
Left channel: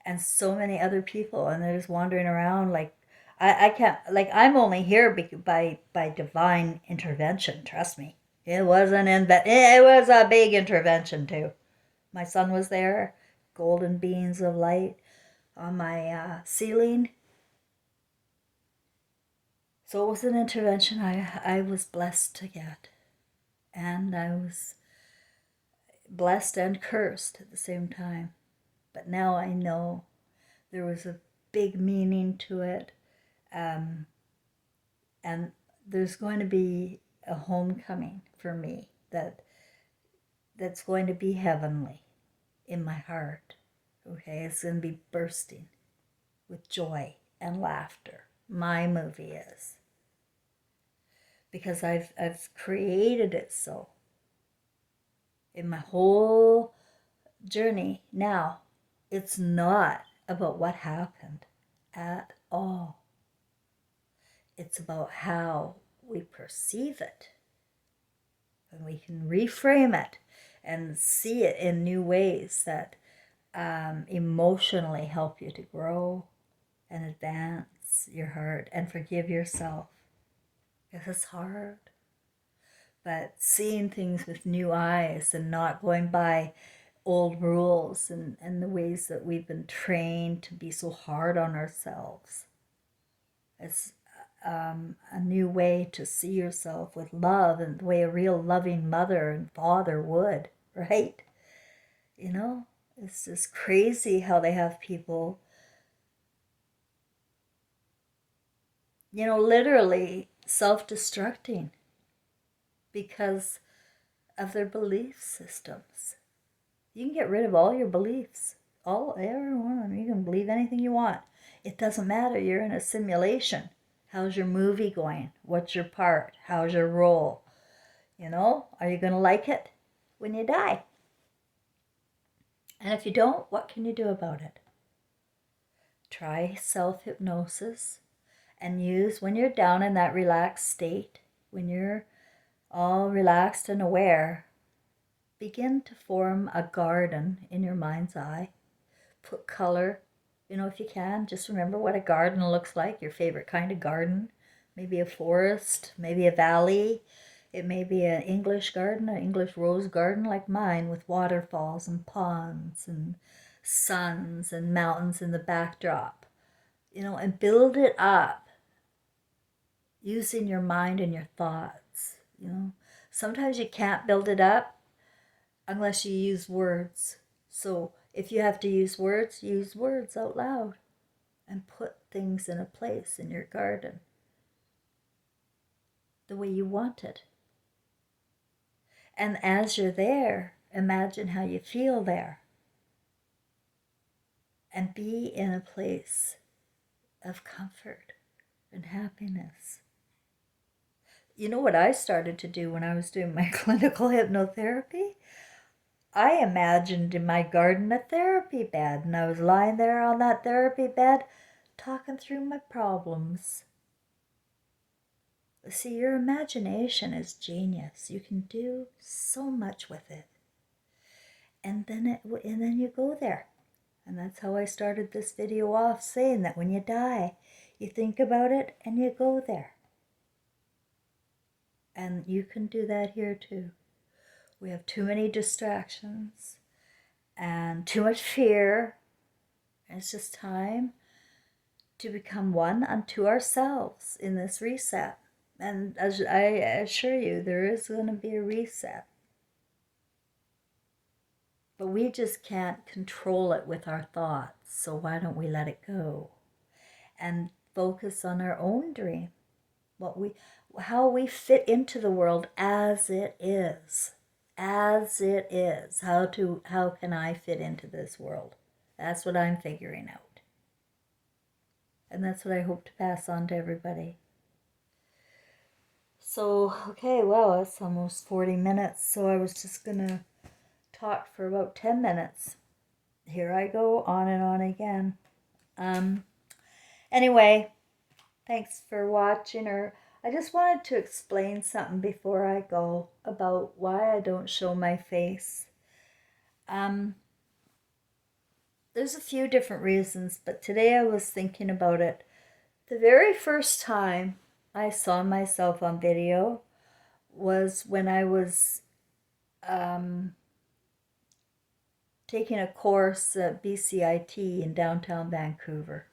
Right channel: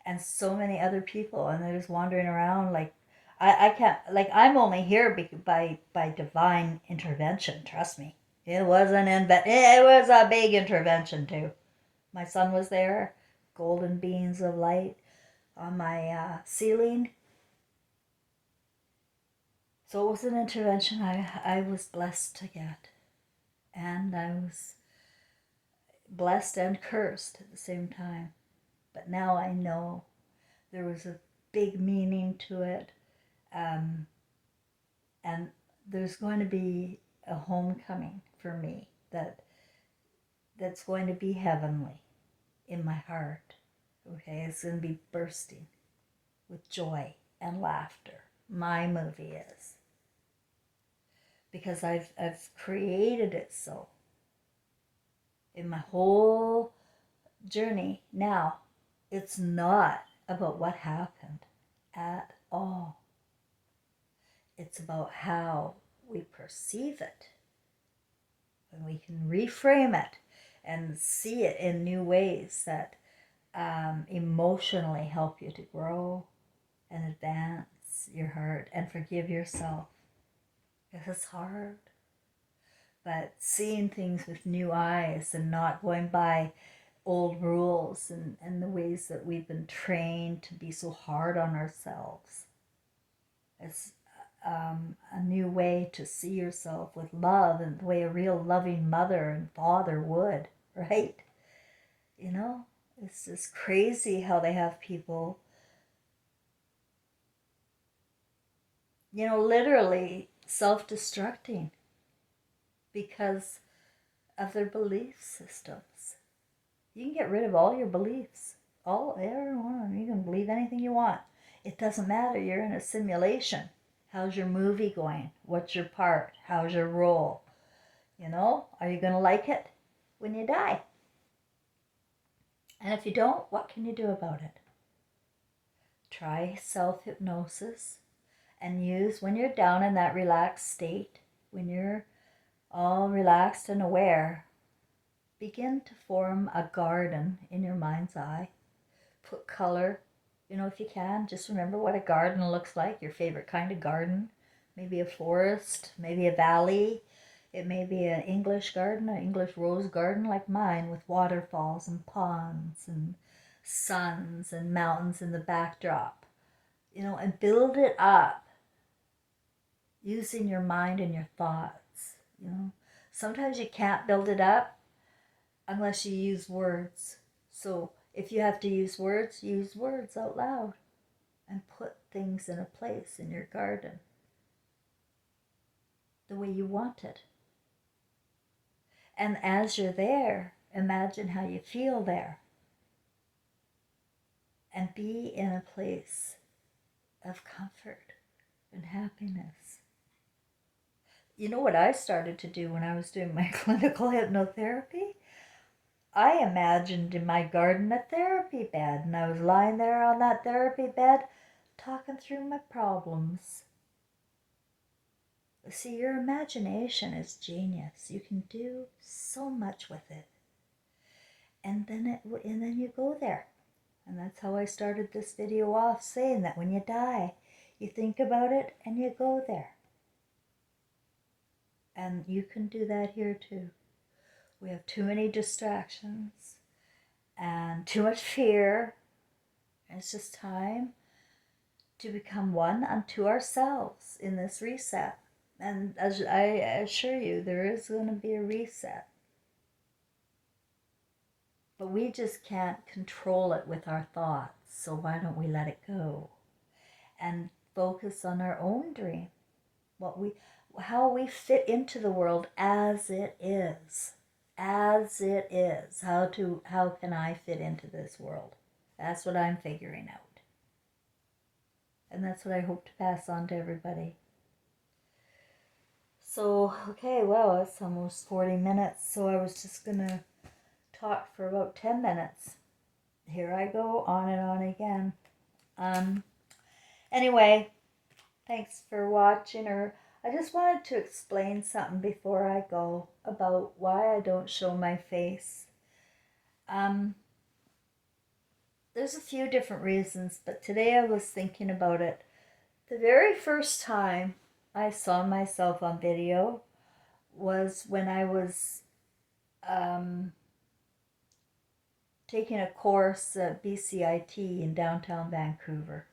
And so many other people, and they're just wandering around like, I can't, I'm only here by divine intervention. Trust me. It was it was a big intervention too. My son was there, golden beams of light on my ceiling. So it was an intervention I was blessed to get. And I was blessed and cursed at the same time. But now I know there was a big meaning to it. And there's going to be a homecoming for me that's going to be heavenly in my heart. Okay, it's going to be bursting with joy and laughter. My movie is, because I've created it so. In my whole journey now, it's not about what happened at all. It's about how we perceive it. And we can reframe it and see it in new ways that emotionally help you to grow and advance your heart and forgive yourself. Because it's hard. But seeing things with new eyes and not going by old rules and the ways that we've been trained to be so hard on ourselves. It's a new way to see yourself with love, and the way a real loving mother and father would, right? It's just crazy how they have people literally self-destructing because of their belief systems. You can get rid of all your beliefs, everyone. You can believe anything you want. It doesn't matter. You're in a simulation. How's your movie going? What's your part? How's your role? Are you going to like it when you die? And if you don't, what can you do about it? Try self-hypnosis and use, when you're down in that relaxed state, when you're all relaxed and aware, begin to form a garden in your mind's eye. Put color, if you can. Just remember what a garden looks like, your favorite kind of garden. Maybe a forest, maybe a valley. It may be an English garden, an English rose garden like mine, with waterfalls and ponds and suns and mountains in the backdrop. And build it up using your mind and your thoughts. Sometimes you can't build it up unless you use words. So if you have to use words out loud and put things in a place in your garden the way you want it. And as you're there, imagine how you feel there. And be in a place of comfort and happiness. You know what I started to do when I was doing my clinical hypnotherapy? I imagined in my garden a therapy bed, and I was lying there on that therapy bed talking through my problems. See, your imagination is genius. You can do so much with it. And then you go there. And that's how I started this video off, saying that when you die, you think about it and you go there. And you can do that here too. We have too many distractions and too much fear. It's just time to become one unto ourselves in this reset. And as I assure you, there is going to be a reset. But we just can't control it with our thoughts. So why don't we let it go and focus on our own dream? How we fit into the world as it is. As it is. How can I fit into this world? That's what I'm figuring out. And that's what I hope to pass on to everybody. So, okay, well, it's almost 40 minutes, so I was just going to talk for about 10 minutes. Here I go, on and on again. Anyway, thanks for watching, I just wanted to explain something before I go about why I don't show my face. There's a few different reasons, but today I was thinking about it. The very first time I saw myself on video was when I was taking a course at BCIT in downtown Vancouver.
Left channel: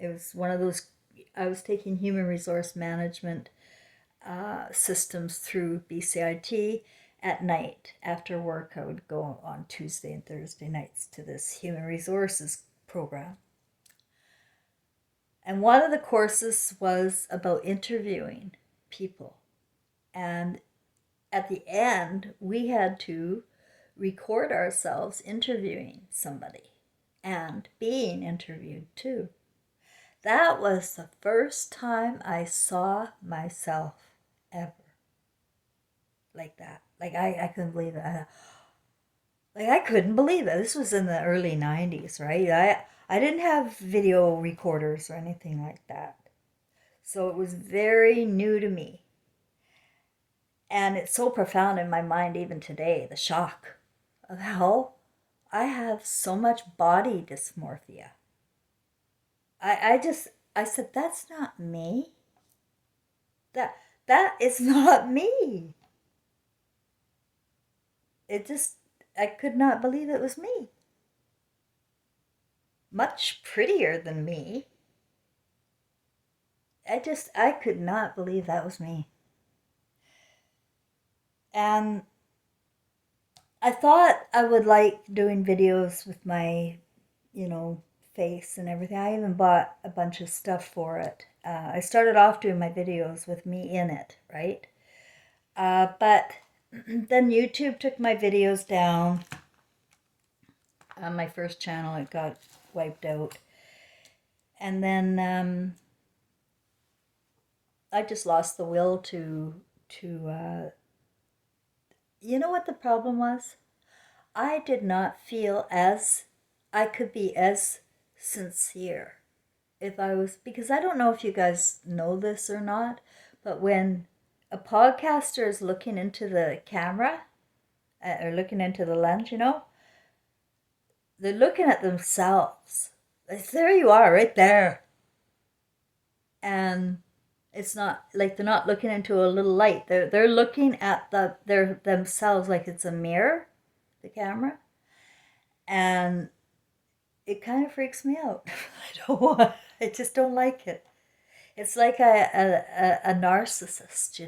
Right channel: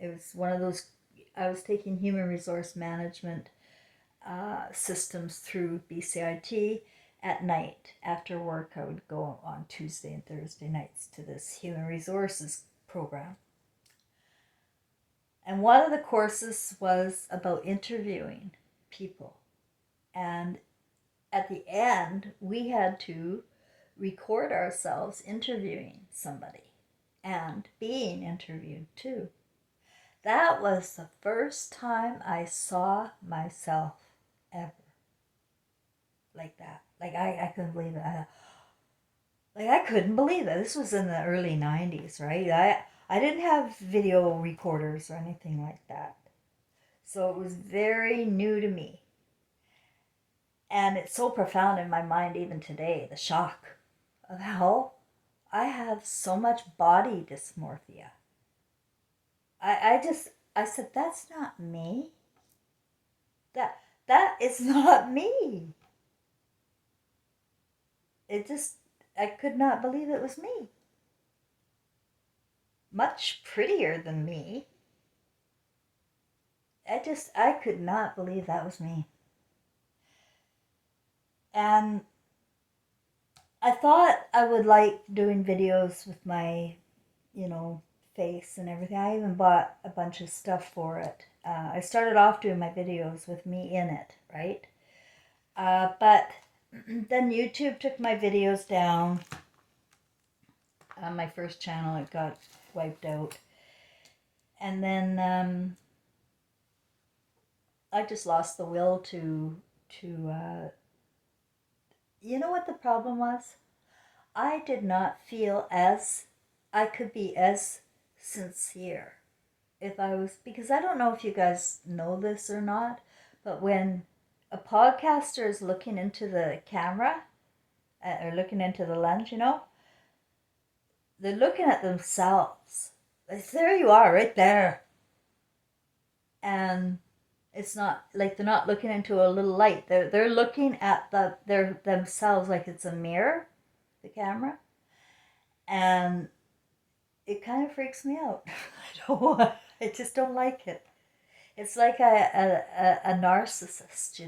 It was one of those, I was taking human resource management systems through BCIT at night. After work, I would go on Tuesday and Thursday nights to this human resources program. And one of the courses was about interviewing people. And at the end, we had to record ourselves interviewing somebody and being interviewed too. That was the first time I saw myself ever like that. Like I couldn't believe it. I couldn't believe it. This was in the early 90s, right? I didn't have video recorders or anything like that. So it was very new to me. And it's so profound in my mind even today, the shock of how I have so much body dysmorphia. I said, that's not me. That is not me. I could not believe it was me. Much prettier than me. I could not believe that was me. And I thought I would like doing videos with my, face and everything. I even bought a bunch of stuff for it. I started off doing my videos with me in it, right? But then YouTube took my videos down. On my first channel, it got wiped out. And then I just lost the will to you know what the problem was? I did not feel as I could be as sincere if I was, because I don't know if you guys know this or not, but when a podcaster is looking into the camera or looking into the lens, they're looking at themselves. Like, there you are, right there. And it's not like they're not looking into a little light. They're looking at their themselves like it's a mirror, the camera, and it kind of freaks me out. I just don't like it. It's like a narcissist,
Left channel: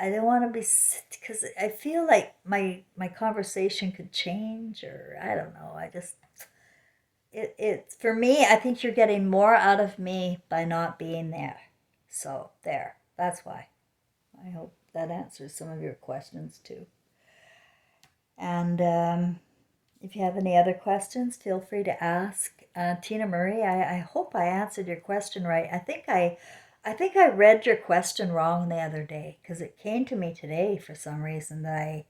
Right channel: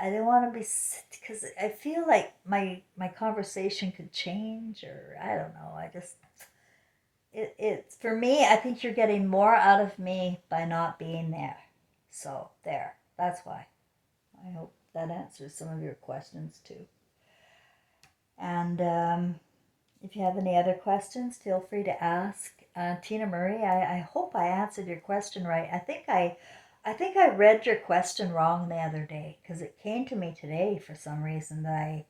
I don't want to be, because I feel like my conversation could change, or I don't know. I just it for me. I think you're getting more out of me by not being there. So there. That's why. I hope that answers some of your questions too. And if you have any other questions, feel free to ask. Tina Marie, I hope I answered your question right. I think I read your question wrong the other day, because it came to me today for some reason that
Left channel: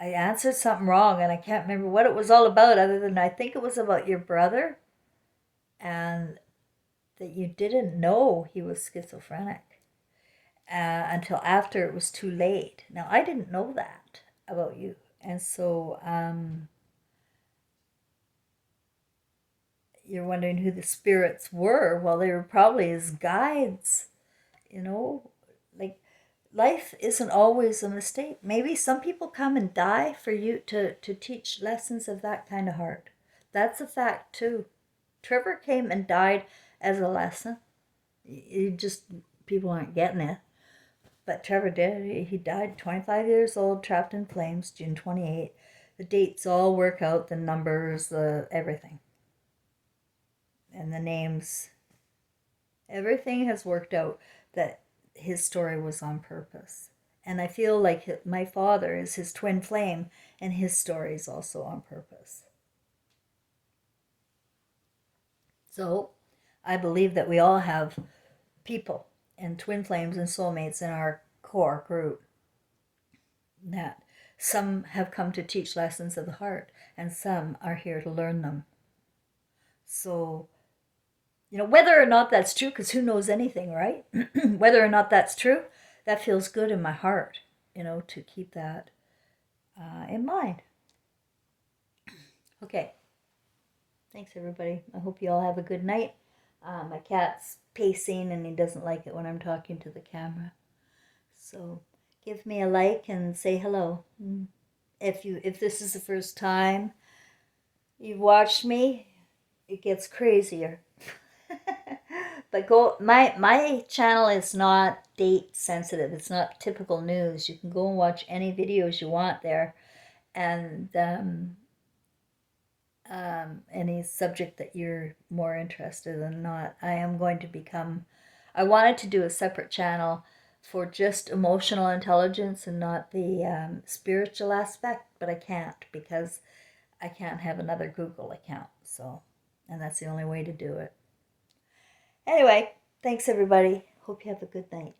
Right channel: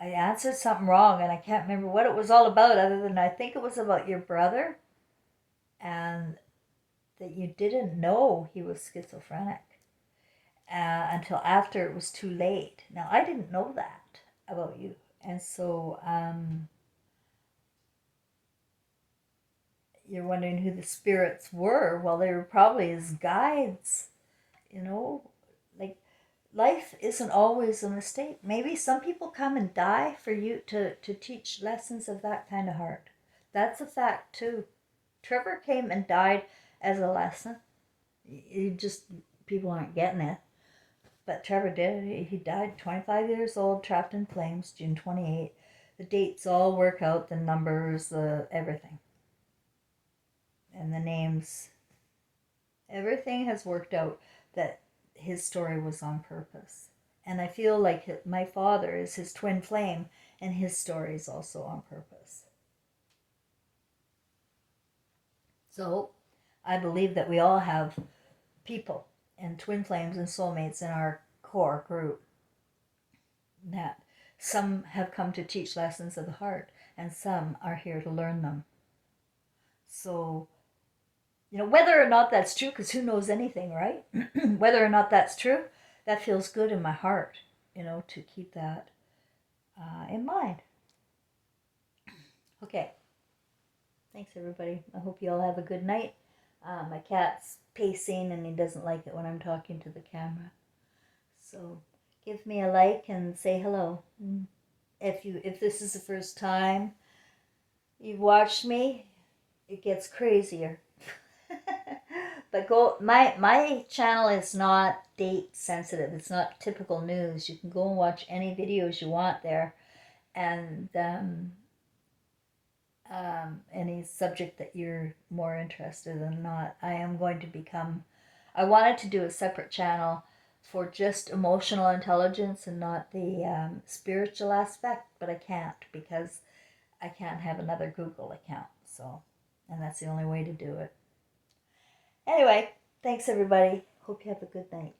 I answered something wrong, and I can't remember what it was all about, other than I think it was about your brother, and that you didn't know he was schizophrenic until after it was too late. Now, I didn't know that about you. And so you're wondering who the spirits were. Well, they were probably his guides, you know? Like, life isn't always a mistake. Maybe some people come and die for you to teach lessons of that kind of heart. That's a fact, too. Trevor came and died as a lesson. You just, people aren't getting it. But Trevor did. He died 25 years old, trapped in flames, June 28th. The dates all work out, the numbers, everything. And the names. Everything has worked out, that his story was on purpose. And I feel like my father is his twin flame, and his story is also on purpose. So I believe that we all have people and twin flames and soulmates in our core group, that some have come to teach lessons of the heart, and some are here to learn them. So, whether or not that's true, because who knows anything, right? Whether or not that's true, that feels good in my heart, to keep that in mind. Okay. Thanks, everybody. I hope you all have a good night. My cat's pacing, and he doesn't like it when I'm talking to the camera. So give me a like and say hello. If this is the first time you've watched me, it gets crazier. But my channel is not date sensitive. It's not typical news. You can go and watch any videos you want there, and any subject that you're more interested in. Not, I wanted to do a separate channel for just emotional intelligence and not the spiritual aspect, but I can't, because I can't have another Google account. So, and that's the only way to do it. Anyway, thanks everybody. Hope you have a good night.